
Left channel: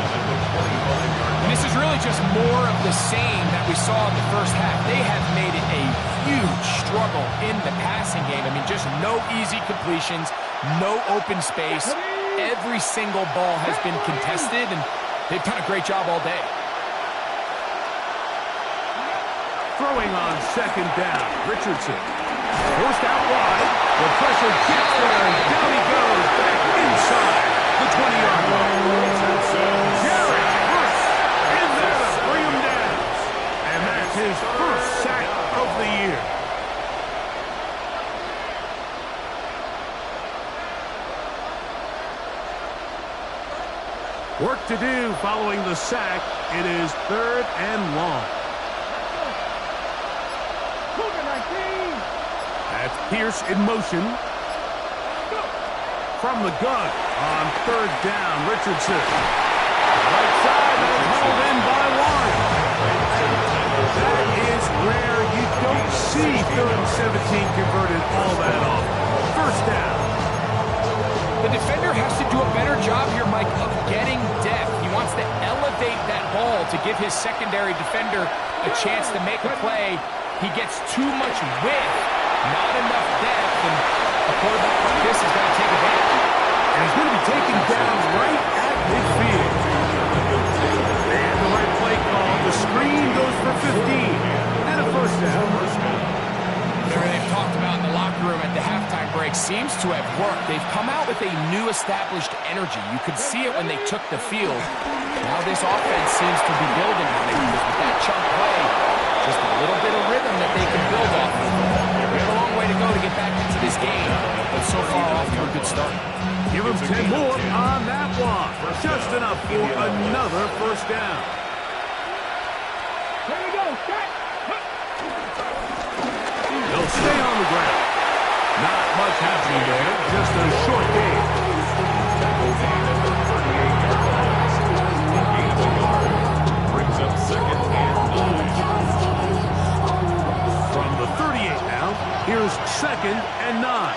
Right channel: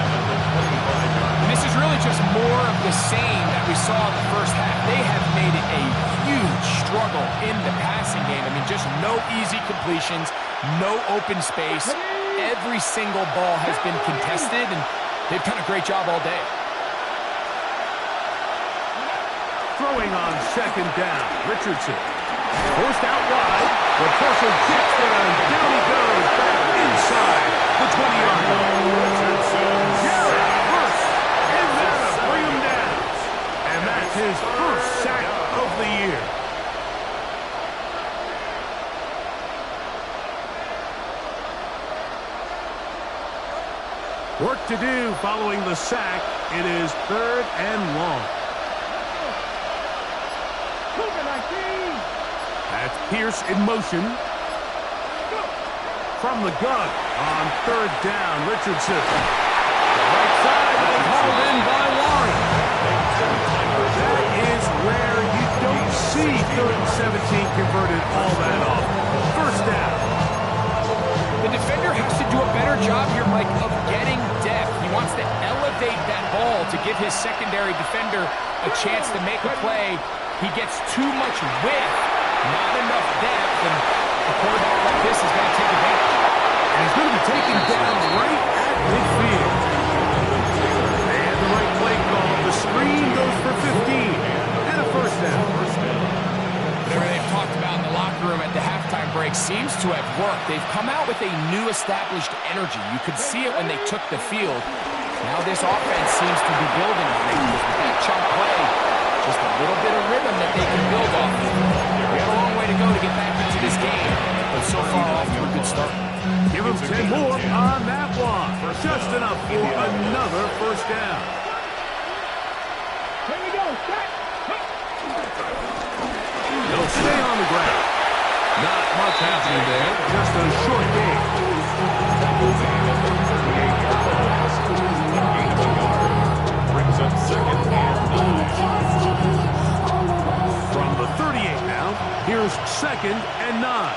And this is really just more of the same that we saw in the first half. They have made it a huge struggle in the passing game. I mean, just no easy completions, no open space. Every single ball has been contested, and they've done a great job all day. Throwing on 2nd down, Richardson. Forced out wide. The pressure gets there, and down he goes back inside the 20-yard line. Jared Hurst in there to bring him down. And that's his 1st sack of the year. Work to do following the sack. It is 3rd and long. That's Pierce in motion. From the gun on 3rd down, Richardson. Right side and hauled in by Warren. That is rare. You don't see 3rd and 17 converted all that often. 1st down. The defender has to do a better job here, Mike, of getting depth. He wants to elevate that ball to give his secondary defender a chance to make a play. He gets too much width, not enough depth, and a quarterback like this is going to take advantage. And he's going to be taken down right at midfield. They had the right play call. The screen goes for 15 and a 1st down. Whatever they've talked about in the locker room at the halftime break seems to have worked. They've come out with a new established energy. You could see it when they took the field. Now this offense seems to be building on it because with that chunk play, just a little bit of rhythm that they can build off of. We have a long way to go to get back into this game, but so far off to a good start. Give him 10 more on that one. Just enough for another 1st down. Here we go. Shot. will stay on the ground. Not much happening there, just a short game. Tackle made at the 38-yard line. A gain of a yard brings up 2nd and 9. From the 38 now, here's 2nd and 9.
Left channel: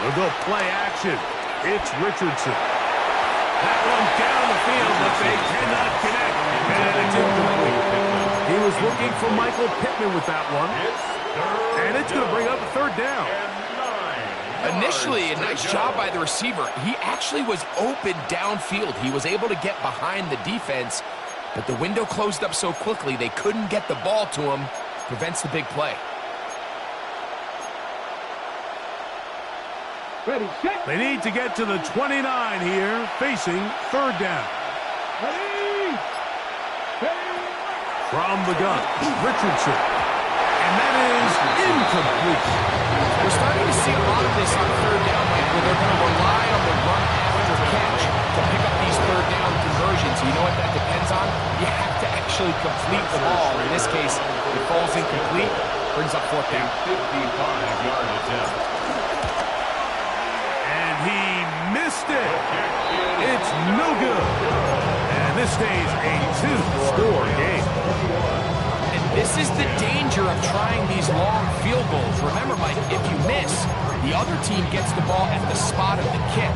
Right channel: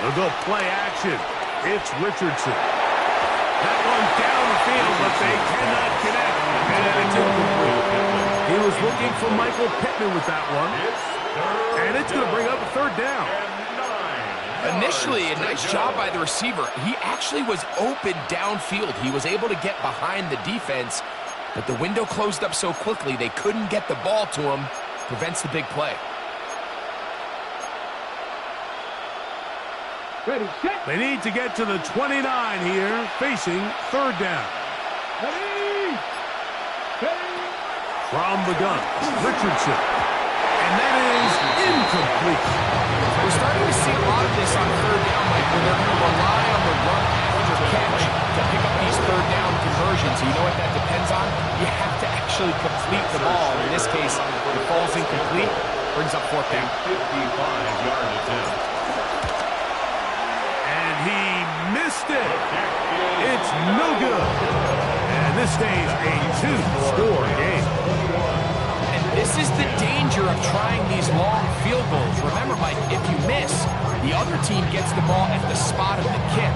They'll go play action. It's Richardson. That one down the field, but they cannot connect. And it's incomplete. He was looking for Michael Pittman with that one. And it's going to bring up a 3rd down. Initially, a nice job by the receiver. He actually was open downfield. He was able to get behind the defense, but the window closed up so quickly they couldn't get the ball to him. Prevents the big play. Ready, set. They need to get to the 29 here, facing 3rd down. Ready. Ready. From the gun, Richardson. And that is incomplete. We're starting to see a lot of this on 3rd down, Mike, where they're going to rely on the run after catch to pick up these 3rd down conversions. You know what that depends on? You have to actually complete the ball. In this case, it falls incomplete, brings up 4th down. 55-yard attempt. He missed it. It's no good. And this stays a 2-score game. And this is the danger of trying these long field goals. Remember, Mike, if you miss, the other team gets the ball at the spot of the kick.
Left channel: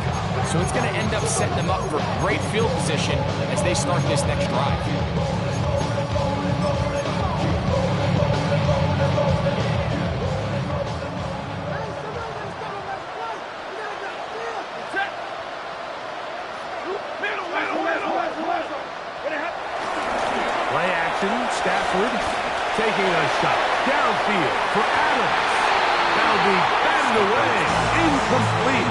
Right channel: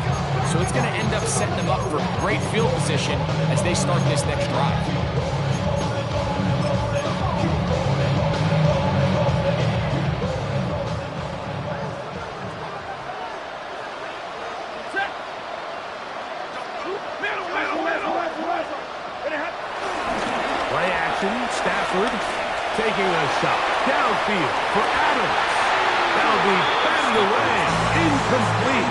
So it's going to end up setting them up for great field position as they start this next drive. Play action, Stafford taking a shot downfield for Adams. That'll be batted away, incomplete.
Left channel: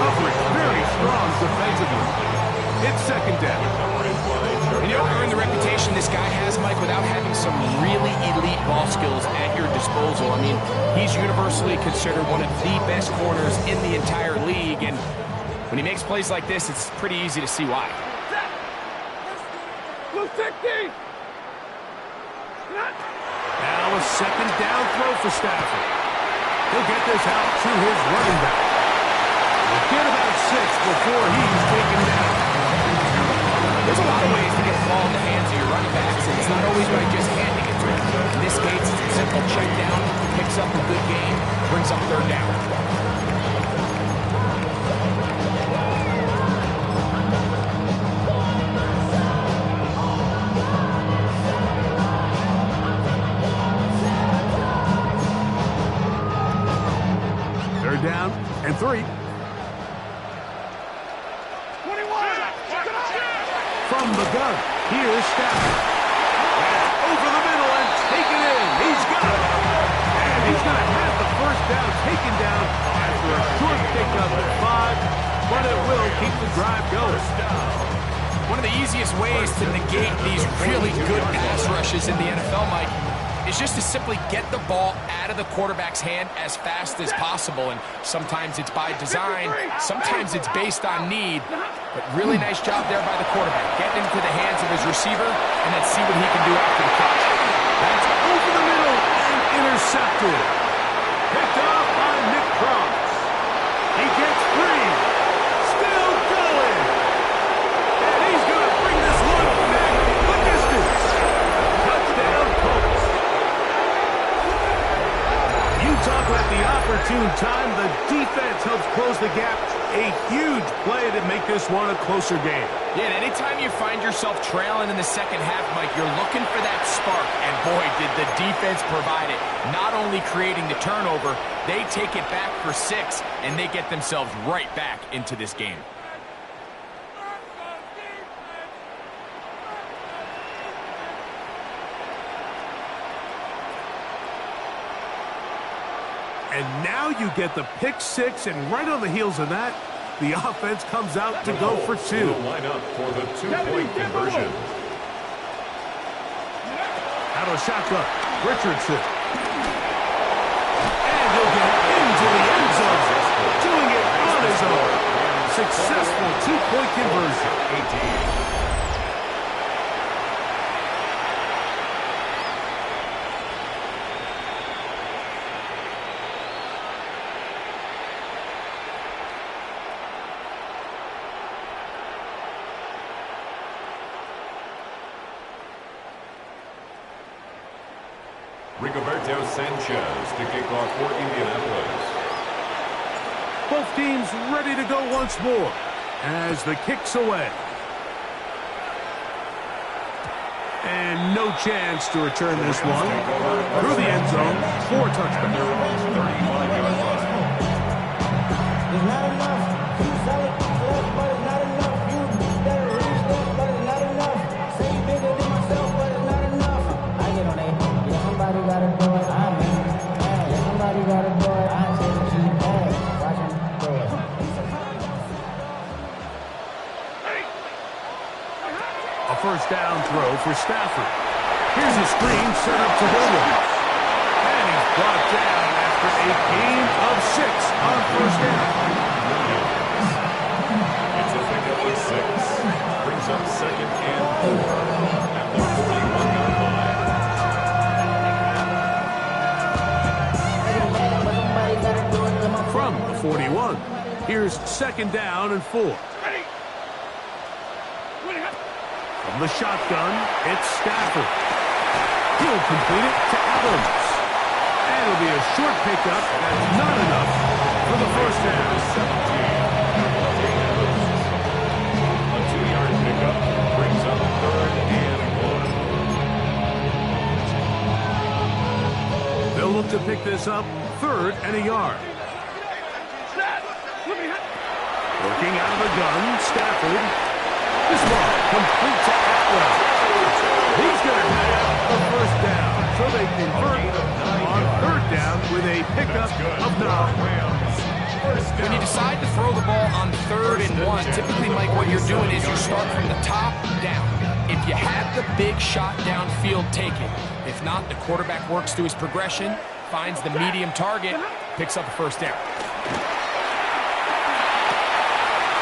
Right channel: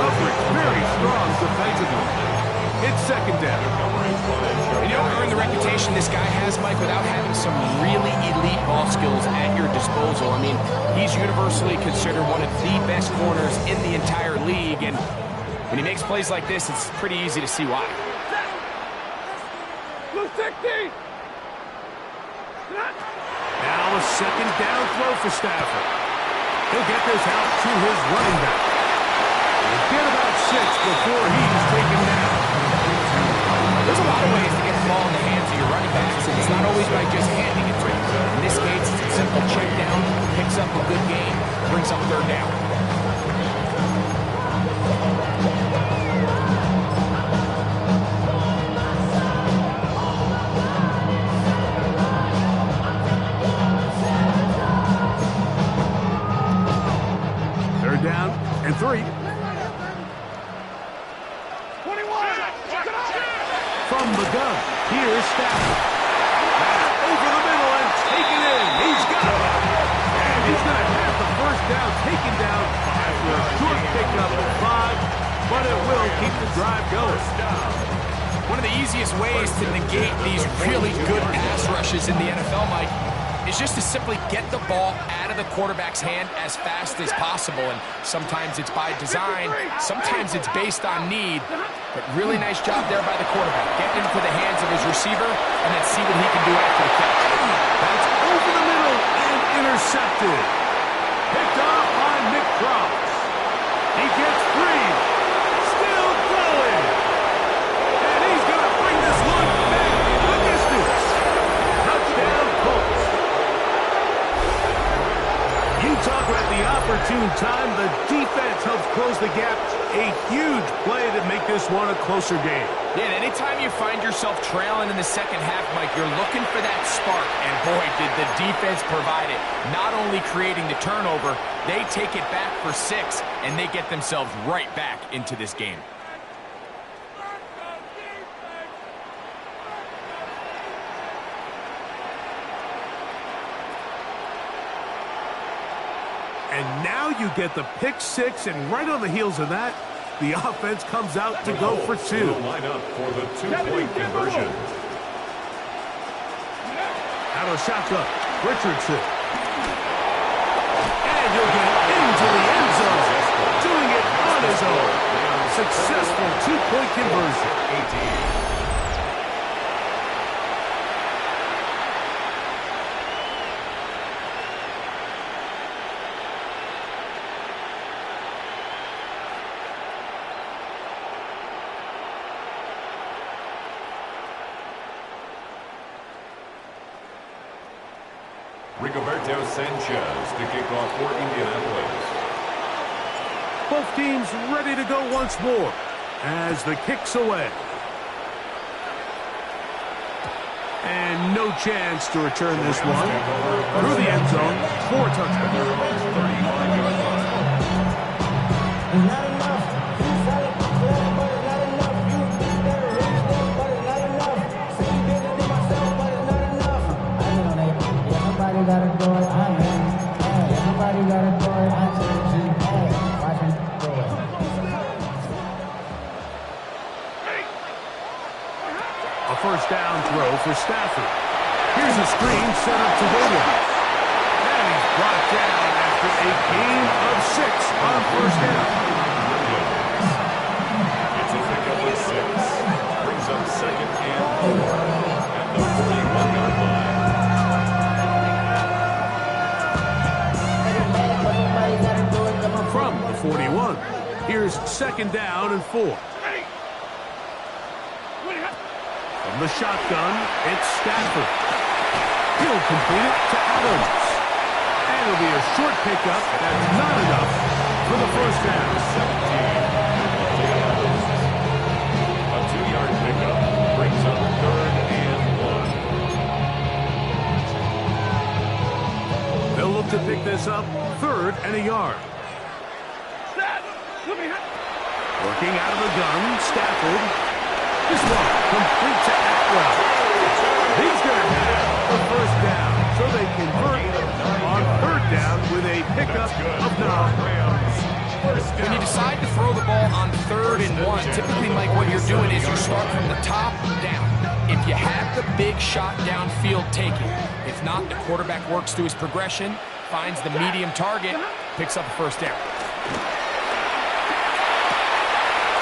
Coverage very strong defensively. It's 2nd down. And you don't earn the reputation this guy has, Mike, without having some really elite ball skills at your disposal. I mean, he's universally considered one of the best corners in the entire league, and when he makes plays like this, it's pretty easy to see why. Blue 60. Now a 2nd down throw for Stafford. He'll get this out to his running back. He'll get about 6 before he's taken down. There's a lot of ways to get the ball in the hands of your running backs, and it's not always by just handing it to him. In this case, it's a simple check down, picks up a good gain, brings up 3rd down. Down and 3. 21. From the gun, here's Stafford. That's over the middle and taken in. He's got it. And he's going to have the 1st down taken down after a short pickup of 5, but it will keep the drive going. One of the easiest ways to negate these really good pass rushes in the NFL, Mike, is just to simply get the ball out of the quarterback's hand as fast as possible. And sometimes it's by design, sometimes it's based on need. But really nice job there by the quarterback, getting into the hands of his receiver and then see what he can do after the catch. That's over the middle and intercepted. Picked off by Nick Cross. He gets free. Still going. And he's going to bring this one back the distance. Touchdown, Colts. You talk about the opportune time. The defense helps close the gap. A huge play to make this one a closer game. Yeah, and anytime you find yourself trailing in the 2nd half, Mike, you're looking for that spark. And boy, did the defense provide it. Not only creating the turnover, they take it back for 6, and they get themselves right back into this game. And now you get the pick 6, and right on the heels of that, the offense comes out to go for 2. Will line up for the 2-point conversion. Out of shotgun, Richardson. And he'll get into the end zone, doing it on his own. Successful 2-point conversion. Rigoberto Sanchez to kick off for Indianapolis. Both teams ready to go once more as the kick's away. And no chance to return this one. Through the end zone, 4 touchdowns. Their own 35-yard line. It's not enough. You solid left, but it's not enough. You better reach them, but it's not enough. Say you bigger than myself, but it's not enough. I get on it. Yeah, somebody gotta do it. I'm in. Hey, yeah, somebody gotta do it. I say the G. Hey, watch him do it. A first down throw for Stafford. Here's a screen set up to Williams. And he's brought down after a gain of 6 on first down. It's a pickup of 6. Brings up 2nd and 4 at the 41-yard line. From the 41, here's 2nd down and 4. From the shotgun, it's Stafford. He'll complete it to Adams. And it'll be a short pickup. That's not enough for the first down. 17. A 2-yard pickup brings up 3rd and 1. They'll look to pick this up 3rd and a yard. Working out of the gun, Stafford. This one complete to Atwell. He's going to have the first down. So they convert on 3rd down with a pickup of 9. When you decide to throw the ball on 3rd and 1, typically, Mike, what you're doing is you start from the top down. If you have the big shot downfield, take it. If not, the quarterback works through his progression, finds the medium target, picks up a first down.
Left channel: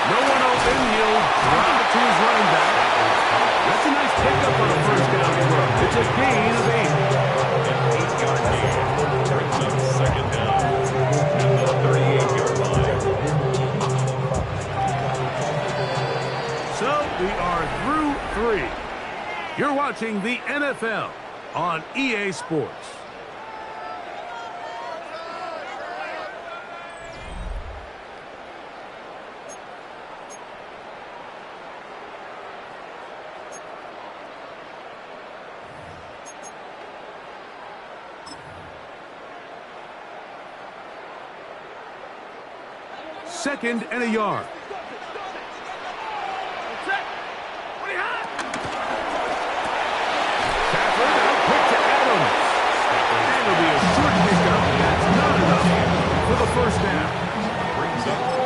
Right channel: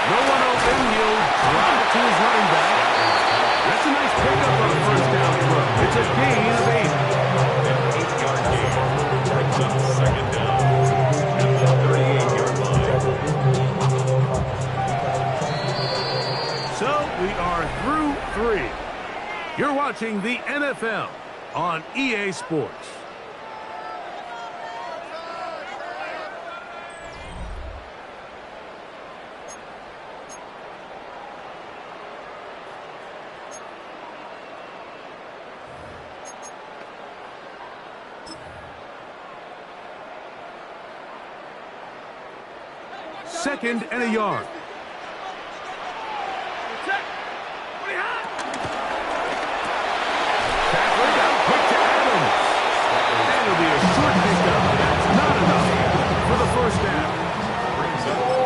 No one open, he'll drop it to his running back. That's a nice pickup on a first down throw. It's a gain of 8. An 8-yard gain brings up 2nd down at the 38-yard line. So we are through 3. You're watching the NFL on EA Sports. Second and a yard. Stafford out quick to Adams. And it'll be a short pickup. That's not enough for the first down.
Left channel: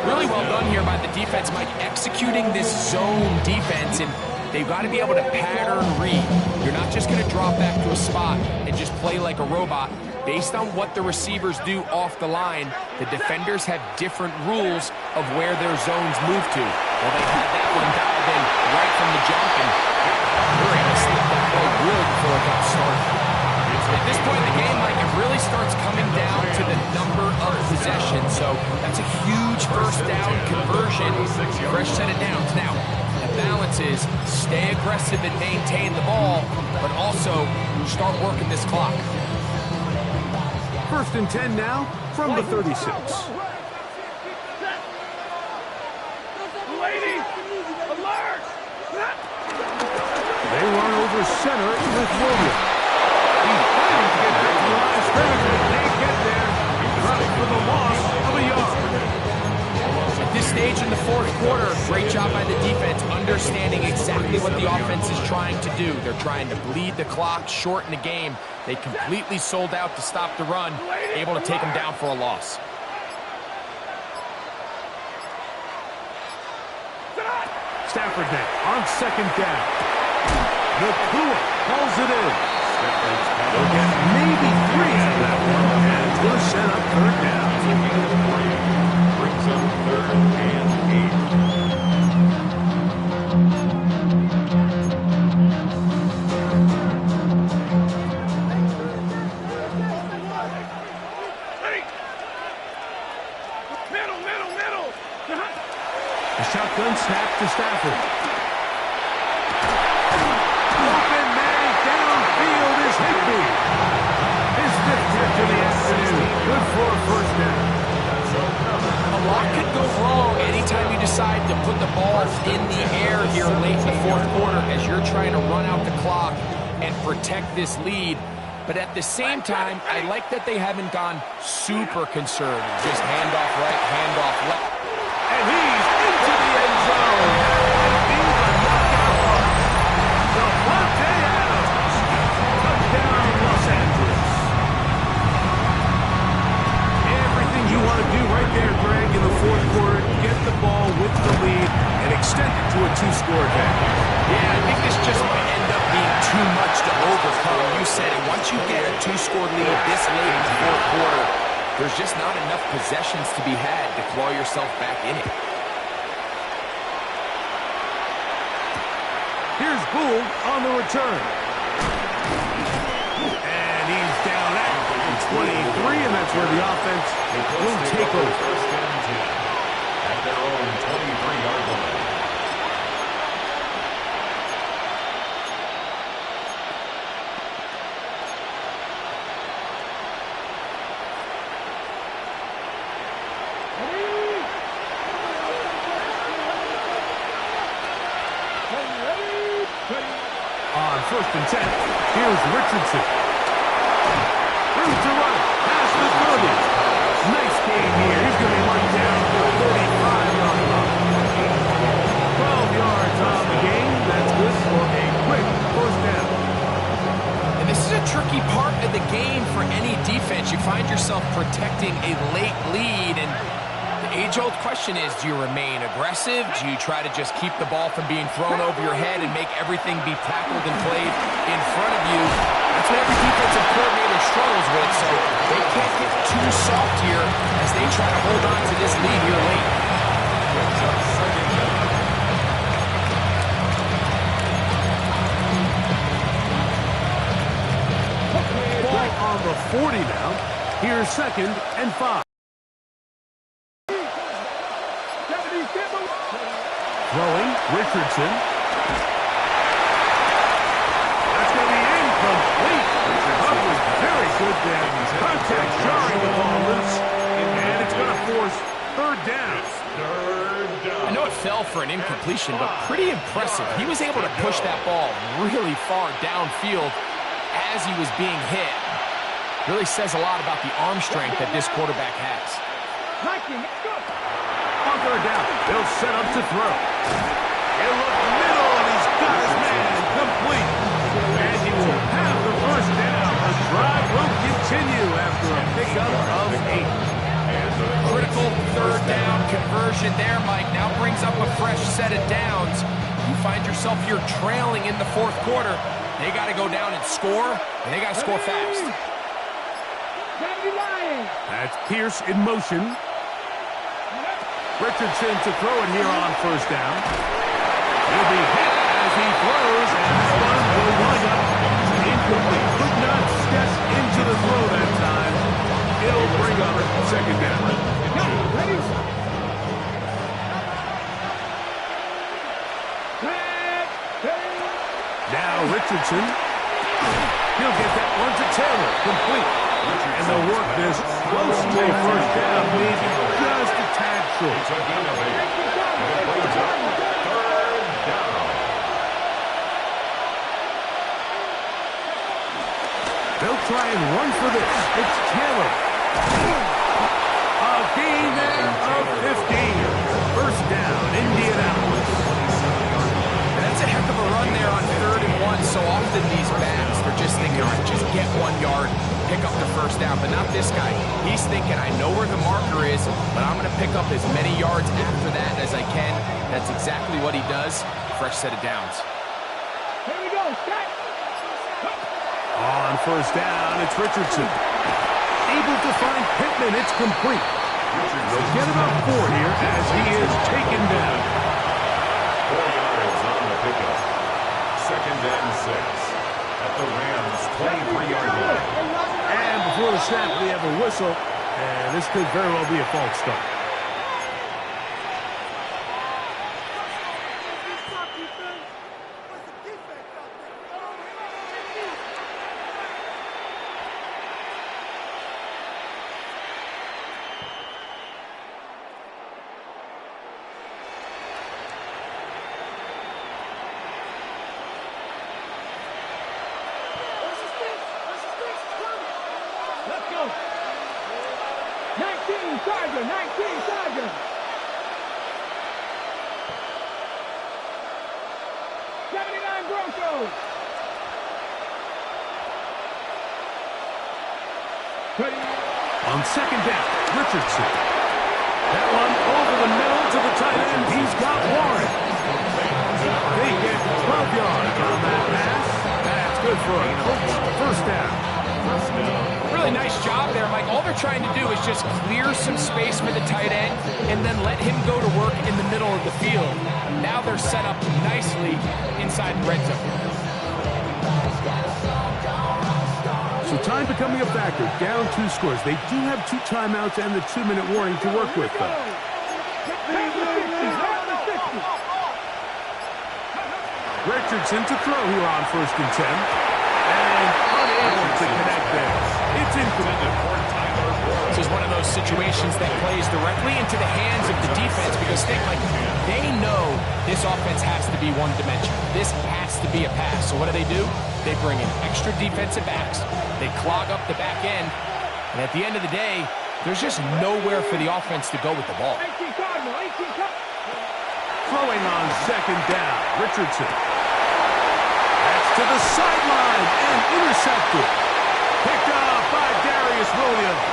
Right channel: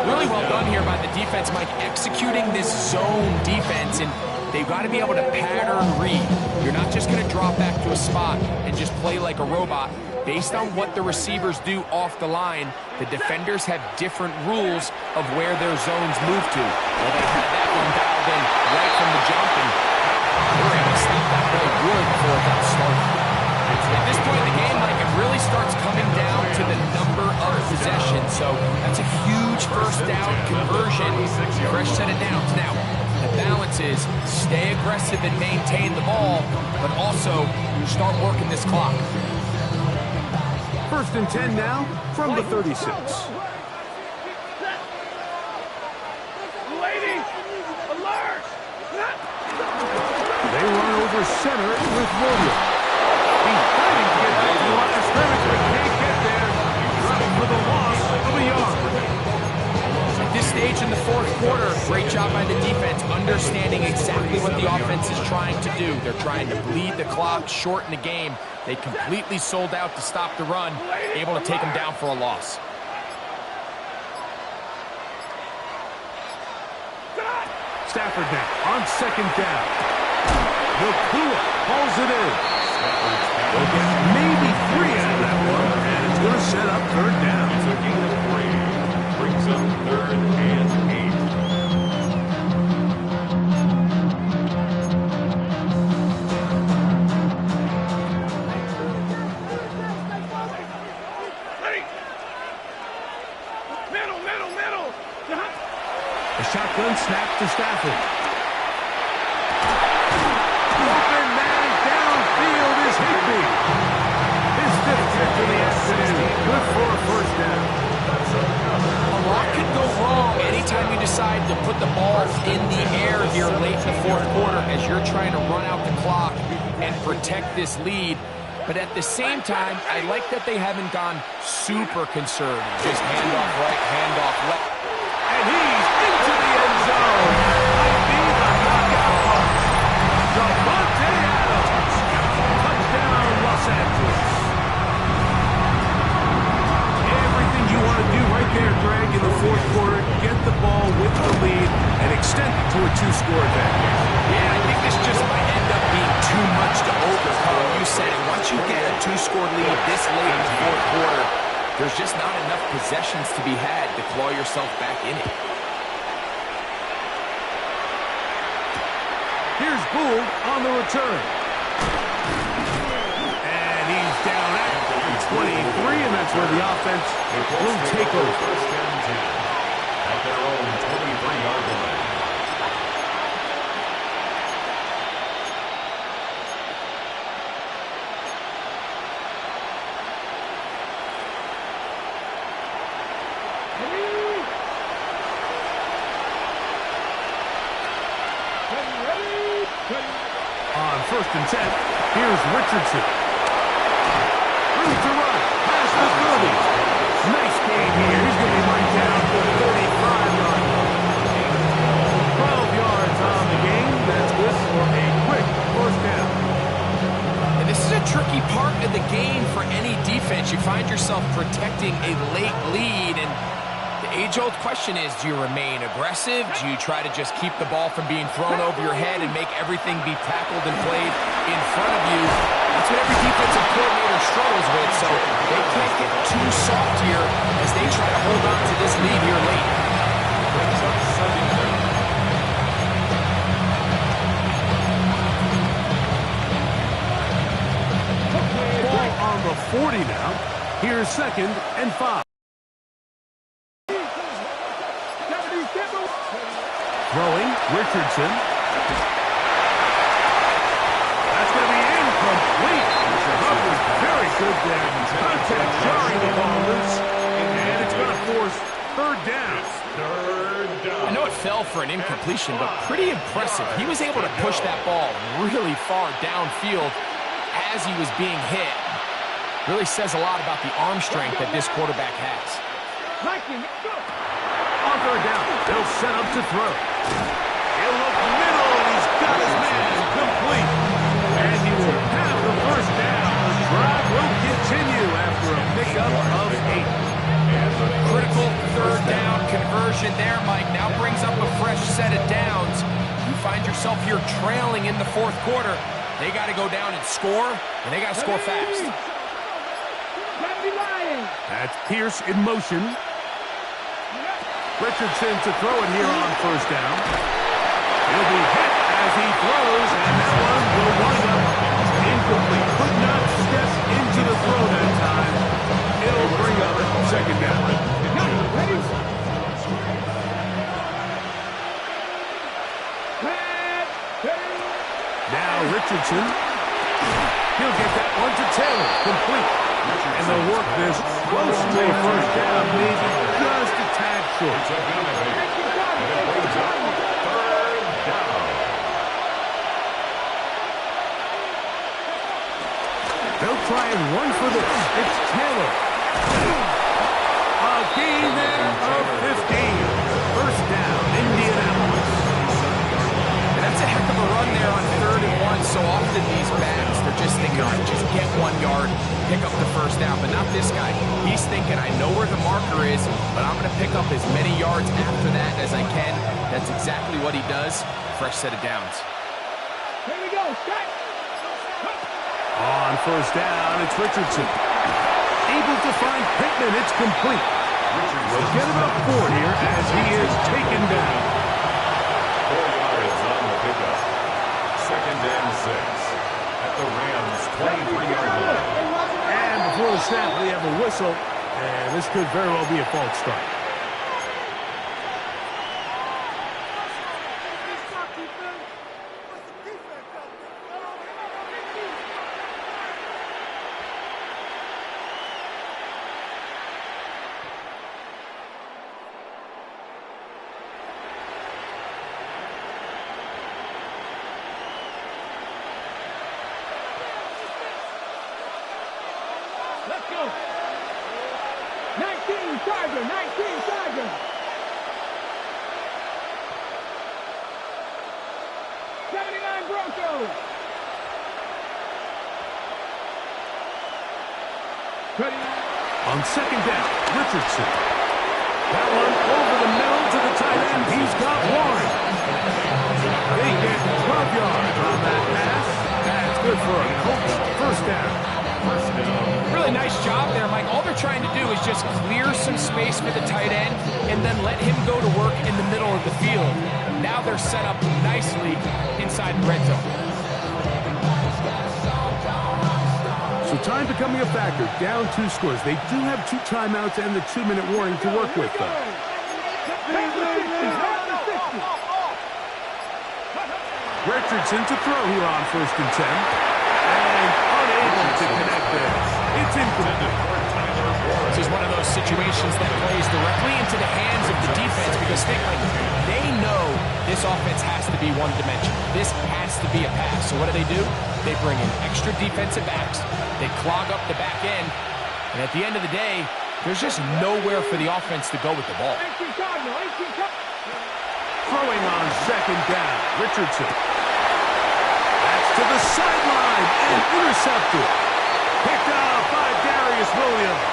Really well done here by the defense, Mike, executing this zone defense, and they've got to be able to pattern read. You're not just going to drop back to a spot and just play like a robot. Based on what the receivers do off the line, the defenders have different rules of where their zones move to. Well, they had that one dialed in right from the jump, and they were able to slip that play really before it got started. At this point in the game, Mike, it really starts coming down to the number of possessions. So that's a huge first down conversion, fresh set of downs. Now, the balance is stay aggressive and maintain the ball, but also start working this clock. 1st and 10 now from the 36. They run over center with Williams. He's fighting to get back to the line of scrimmage, but can't get there. He's running for the loss of a yard. At this stage in the 4th quarter, great job by the defense, understanding exactly what the offense is trying to do. They're trying to bleed the clock, shorten the game. They completely sold out to stop the run, able to take them down for a loss. Stafford now on 2nd down. Nakua hauls it in. They'll get maybe 3 out of that one, and it's going to set up 3rd down. It's a gain of 3. Brings up 3rd and 8. The shotgun snap to Stafford. Open man downfield is Higbee. His fifth catch of the afternoon. Good for a first down. A lot could go wrong anytime you decide to put the ball in the air here late in the fourth quarter as you're trying to run out the clock and protect this lead. But at the same time, I like that they haven't gone super conservative. Just handoff right, handoff left. And he's into the end zone. Might be the knockout punch. Davante Adams. Touchdown, Los Angeles. Everything you want to do right there, Greg, in the fourth quarter, get the ball with the lead and extend it to a two-score advantage. Yeah, I think this just might end up being too much to overcome. You said it. Once you get a two-score lead this late in the fourth quarter, there's just not enough possessions to be had to claw yourself back in it. Here's Gould on the return. And he's down at 23, and that's where the offense will take over. First and 10 at their own 23-yard line. On first and 10, here's Richardson. Room to run, past the 30. Nice game here. He's going to be right down to the 35-yard line. 12 yards on the game. That's good for a quick first down. And this is a tricky part of the game for any defense. You find yourself protecting a late lead, and the age-old question is, do you remain aggressive? Do you try to just keep the ball from being thrown over your head and make everything be tackled and played in front of you? That's what every defensive coordinator struggles with, so they can't get too soft here as they try to hold on to this lead here late. Brings up second down. Ball on the 40 now. Here's second and 5. Throwing, Richardson. That's going to be incomplete. Coverage very good there. Contact jarring the ball loose, and it's going to force third down. I know it fell for an incompletion, but pretty impressive. He was able to push that ball really far downfield as he was being hit. Really says a lot about the arm strength that this quarterback has. On third down, they'll set up to throw. He'll look middle, and he's got his man complete. And he will have the first down. The drive will continue after a pickup of 8. Critical third down conversion there, Mike. Now brings up a fresh set of downs. You find yourself here trailing in the fourth quarter. They got to go down and score, and they got to score fast. That's Pierce in motion. Richardson to throw it here on first down. He'll be hit as he throws, and that one will wind up incomplete. Could not step into the throw that time. It'll bring up second down. Now Richardson. He'll get that one to Taylor, complete. And they'll work this close to a first down, maybe just a tad short. Third down. They'll try and run for this. It's Taylor. A gain there of 15. First down, Indianapolis. And that's a heck of a run there on 3rd and 1. So often these backs, they're just thinking, all right, just get 1 yard, pick up the first down. But not this guy. He's thinking, I know where the marker is, but I'm going to pick up as many yards after that as I can. That's exactly what he does. Fresh set of downs. Here we go. On first down, it's Richardson. Able to find Pittman. It's complete. They'll get about 4 here as he is taken down. 4 yards on the pickup. Second and 6 at the Rams' 23-yard line. And before the snap, we have a whistle, and this could very well be a false start. Let's go. 19 Charger, 19 Charger. Broncos. On second down, Richardson. That one over the middle to the tight end. He's got Warren. They get 12 yards on that pass. That's good for a Colts first down. Really nice job there, Mike. All they're trying to do is just clear some space for the tight end and then let him go to work in the middle of the field. Now they're set up nicely inside the red zone. So time becoming a factor. Down 2 scores. They do have 2 timeouts and the 2-minute warning to work with, though. Richardson to throw here on 1st and 10. And unable to connect there. It's incomplete. This is one of those situations that plays directly into the hands of the defense because they know this offense has to be one-dimensional. This has to be a pass. So what do? They bring in extra defensive backs. They clog up the back end. And at the end of the day, there's just nowhere for the offense to go with the ball. Throwing on second down, Richardson. That's to the sideline and intercepted. Picked up by Darius Williams.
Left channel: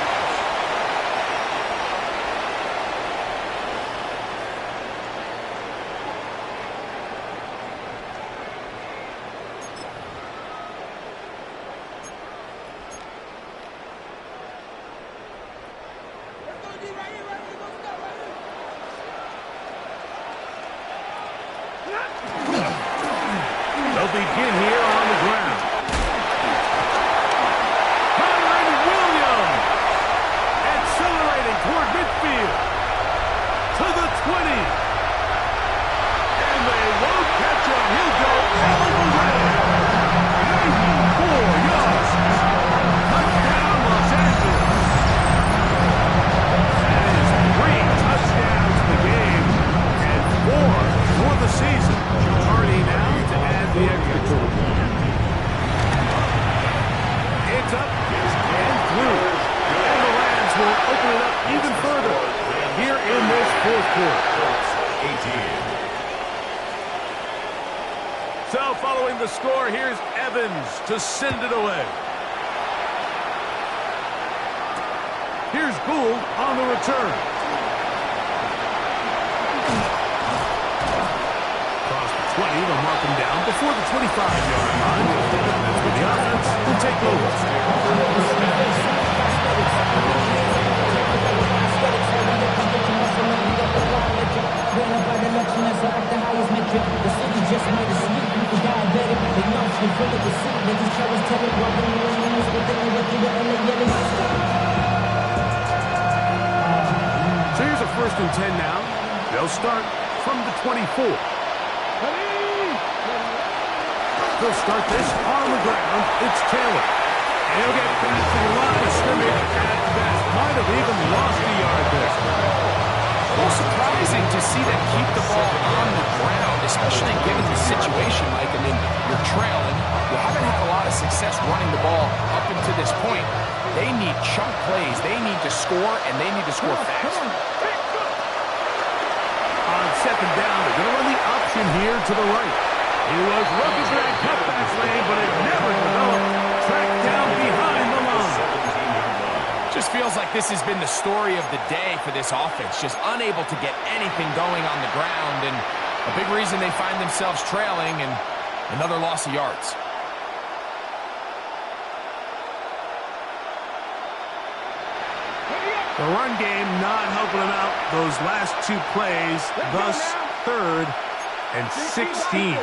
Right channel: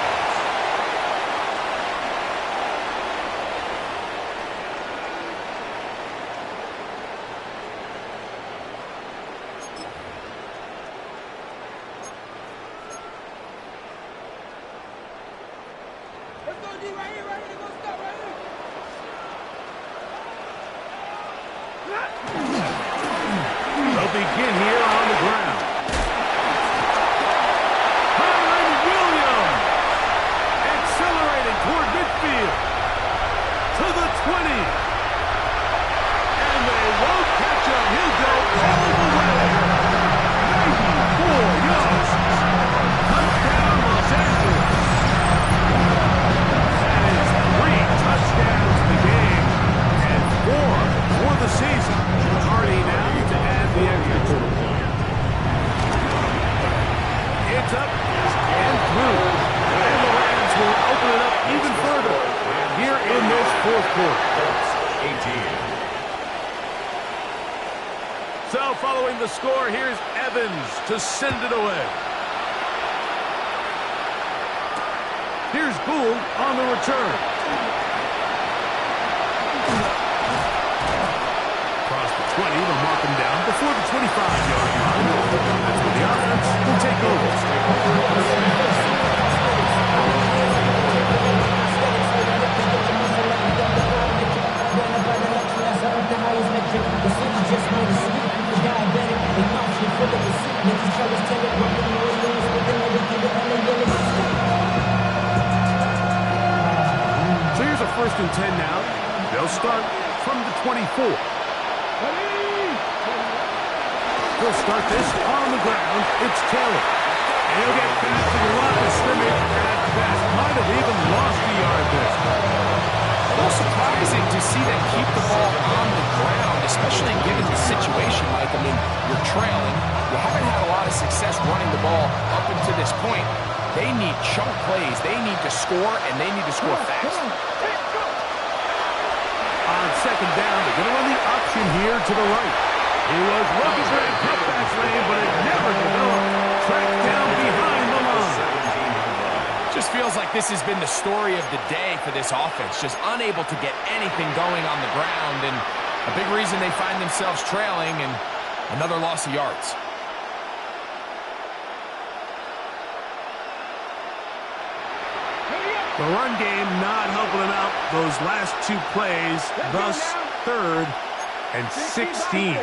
Let's go, D, right here, right here. Let's go, right here. They'll begin here on the ground. Kyron Williams accelerating toward midfield to the 20. And they won't catch him. He'll go all the way. 94 yards. Touchdown, Los Angeles. That is 3 touchdowns in the game and 4 for the season. Hardy now to add the extra point. It's up and through. And the Rams will open it up even further here in this 4th quarter. 18. So following the score, here's Evans to send it away. Here's Gould on the return. Across the 20, they'll mark him down before the 25-yard line. That's where the offense will take over. The highest metric. The city just made a sleep. People diabetic. They mouth shit full of deceit. Niggas try to tell it. Welcome to New Orleans with the indicator and the yelling. So here's a 1st and 10 now. They'll start from the 24. They'll start this on the ground. It's Taylor. And he'll get back to the line of scrimmage at best. Might have even lost a yard there. A little surprising to see them keep the ball on the ground, especially given the situation, Mike. I mean, you're trailing. You haven't had a lot of success running the ball up until this point. They need chunk plays. They need to score, and they need to score fast. On second down, they're going to run the option here to the right. He was looking for that cutback lane, but it never developed. Tracked down behind the line. Just feels like this has been the story of the day for this offense. Just unable to get anything going on the ground, and a big reason they find themselves trailing and another loss of yards. The run game not helping them out those last 2 plays, thus 3rd and 16.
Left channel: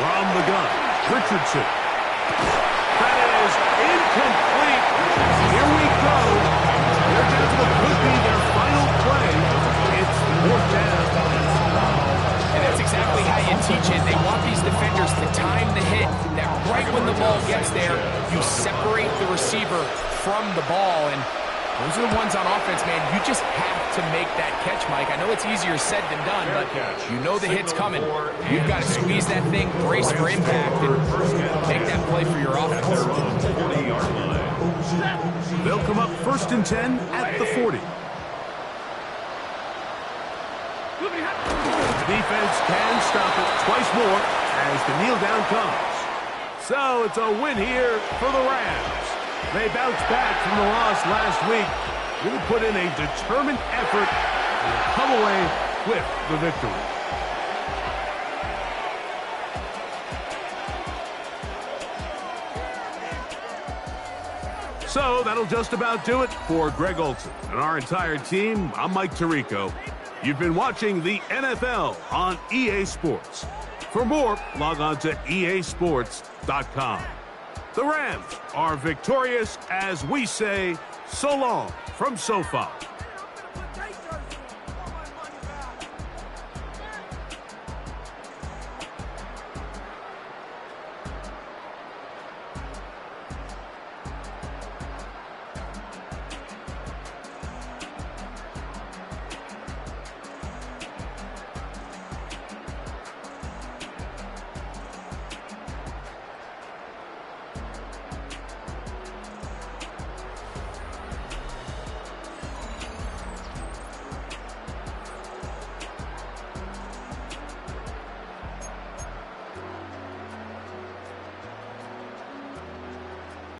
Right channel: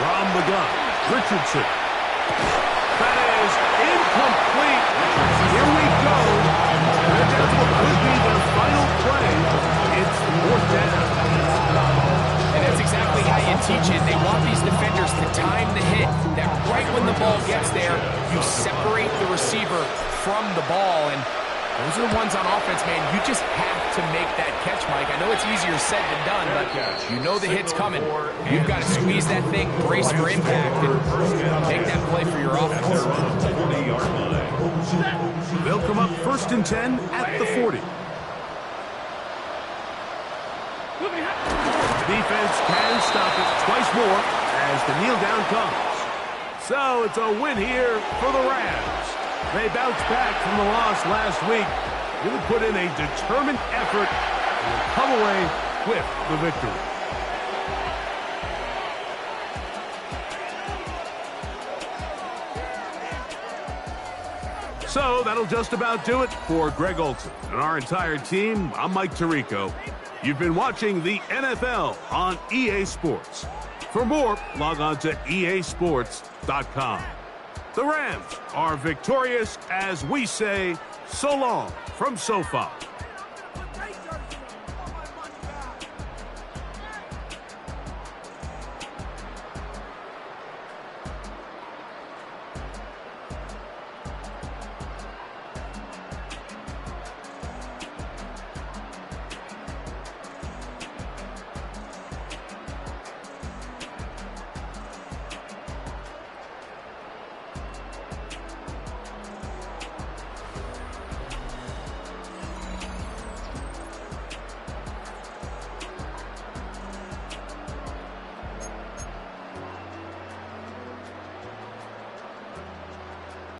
From the gun, Richardson. That is incomplete. Here we go. They're down to what could be their final play. It's 4th down. And that's exactly how you teach it. They want these defenders to time the hit, that right when the ball gets there, you separate the receiver from the ball. And Those are the ones on offense, man. You just have to make that catch, Mike. I know it's easier said than done, but you know the hit's coming. You've got to squeeze that thing, brace for impact, and make that play for your offense. They'll come up 1st and 10 at the 40. The defense can stop it twice more as the kneel down comes. So it's a win here for the Rams. They bounced back from the loss last week. Really put in a determined effort and will come away with the victory. So that'll just about do it for Greg Olson and our entire team. I'm Mike Tirico. You've been watching the NFL on EA Sports. For more, log on to easports.com. The Rams are victorious as we say so long from SoFi.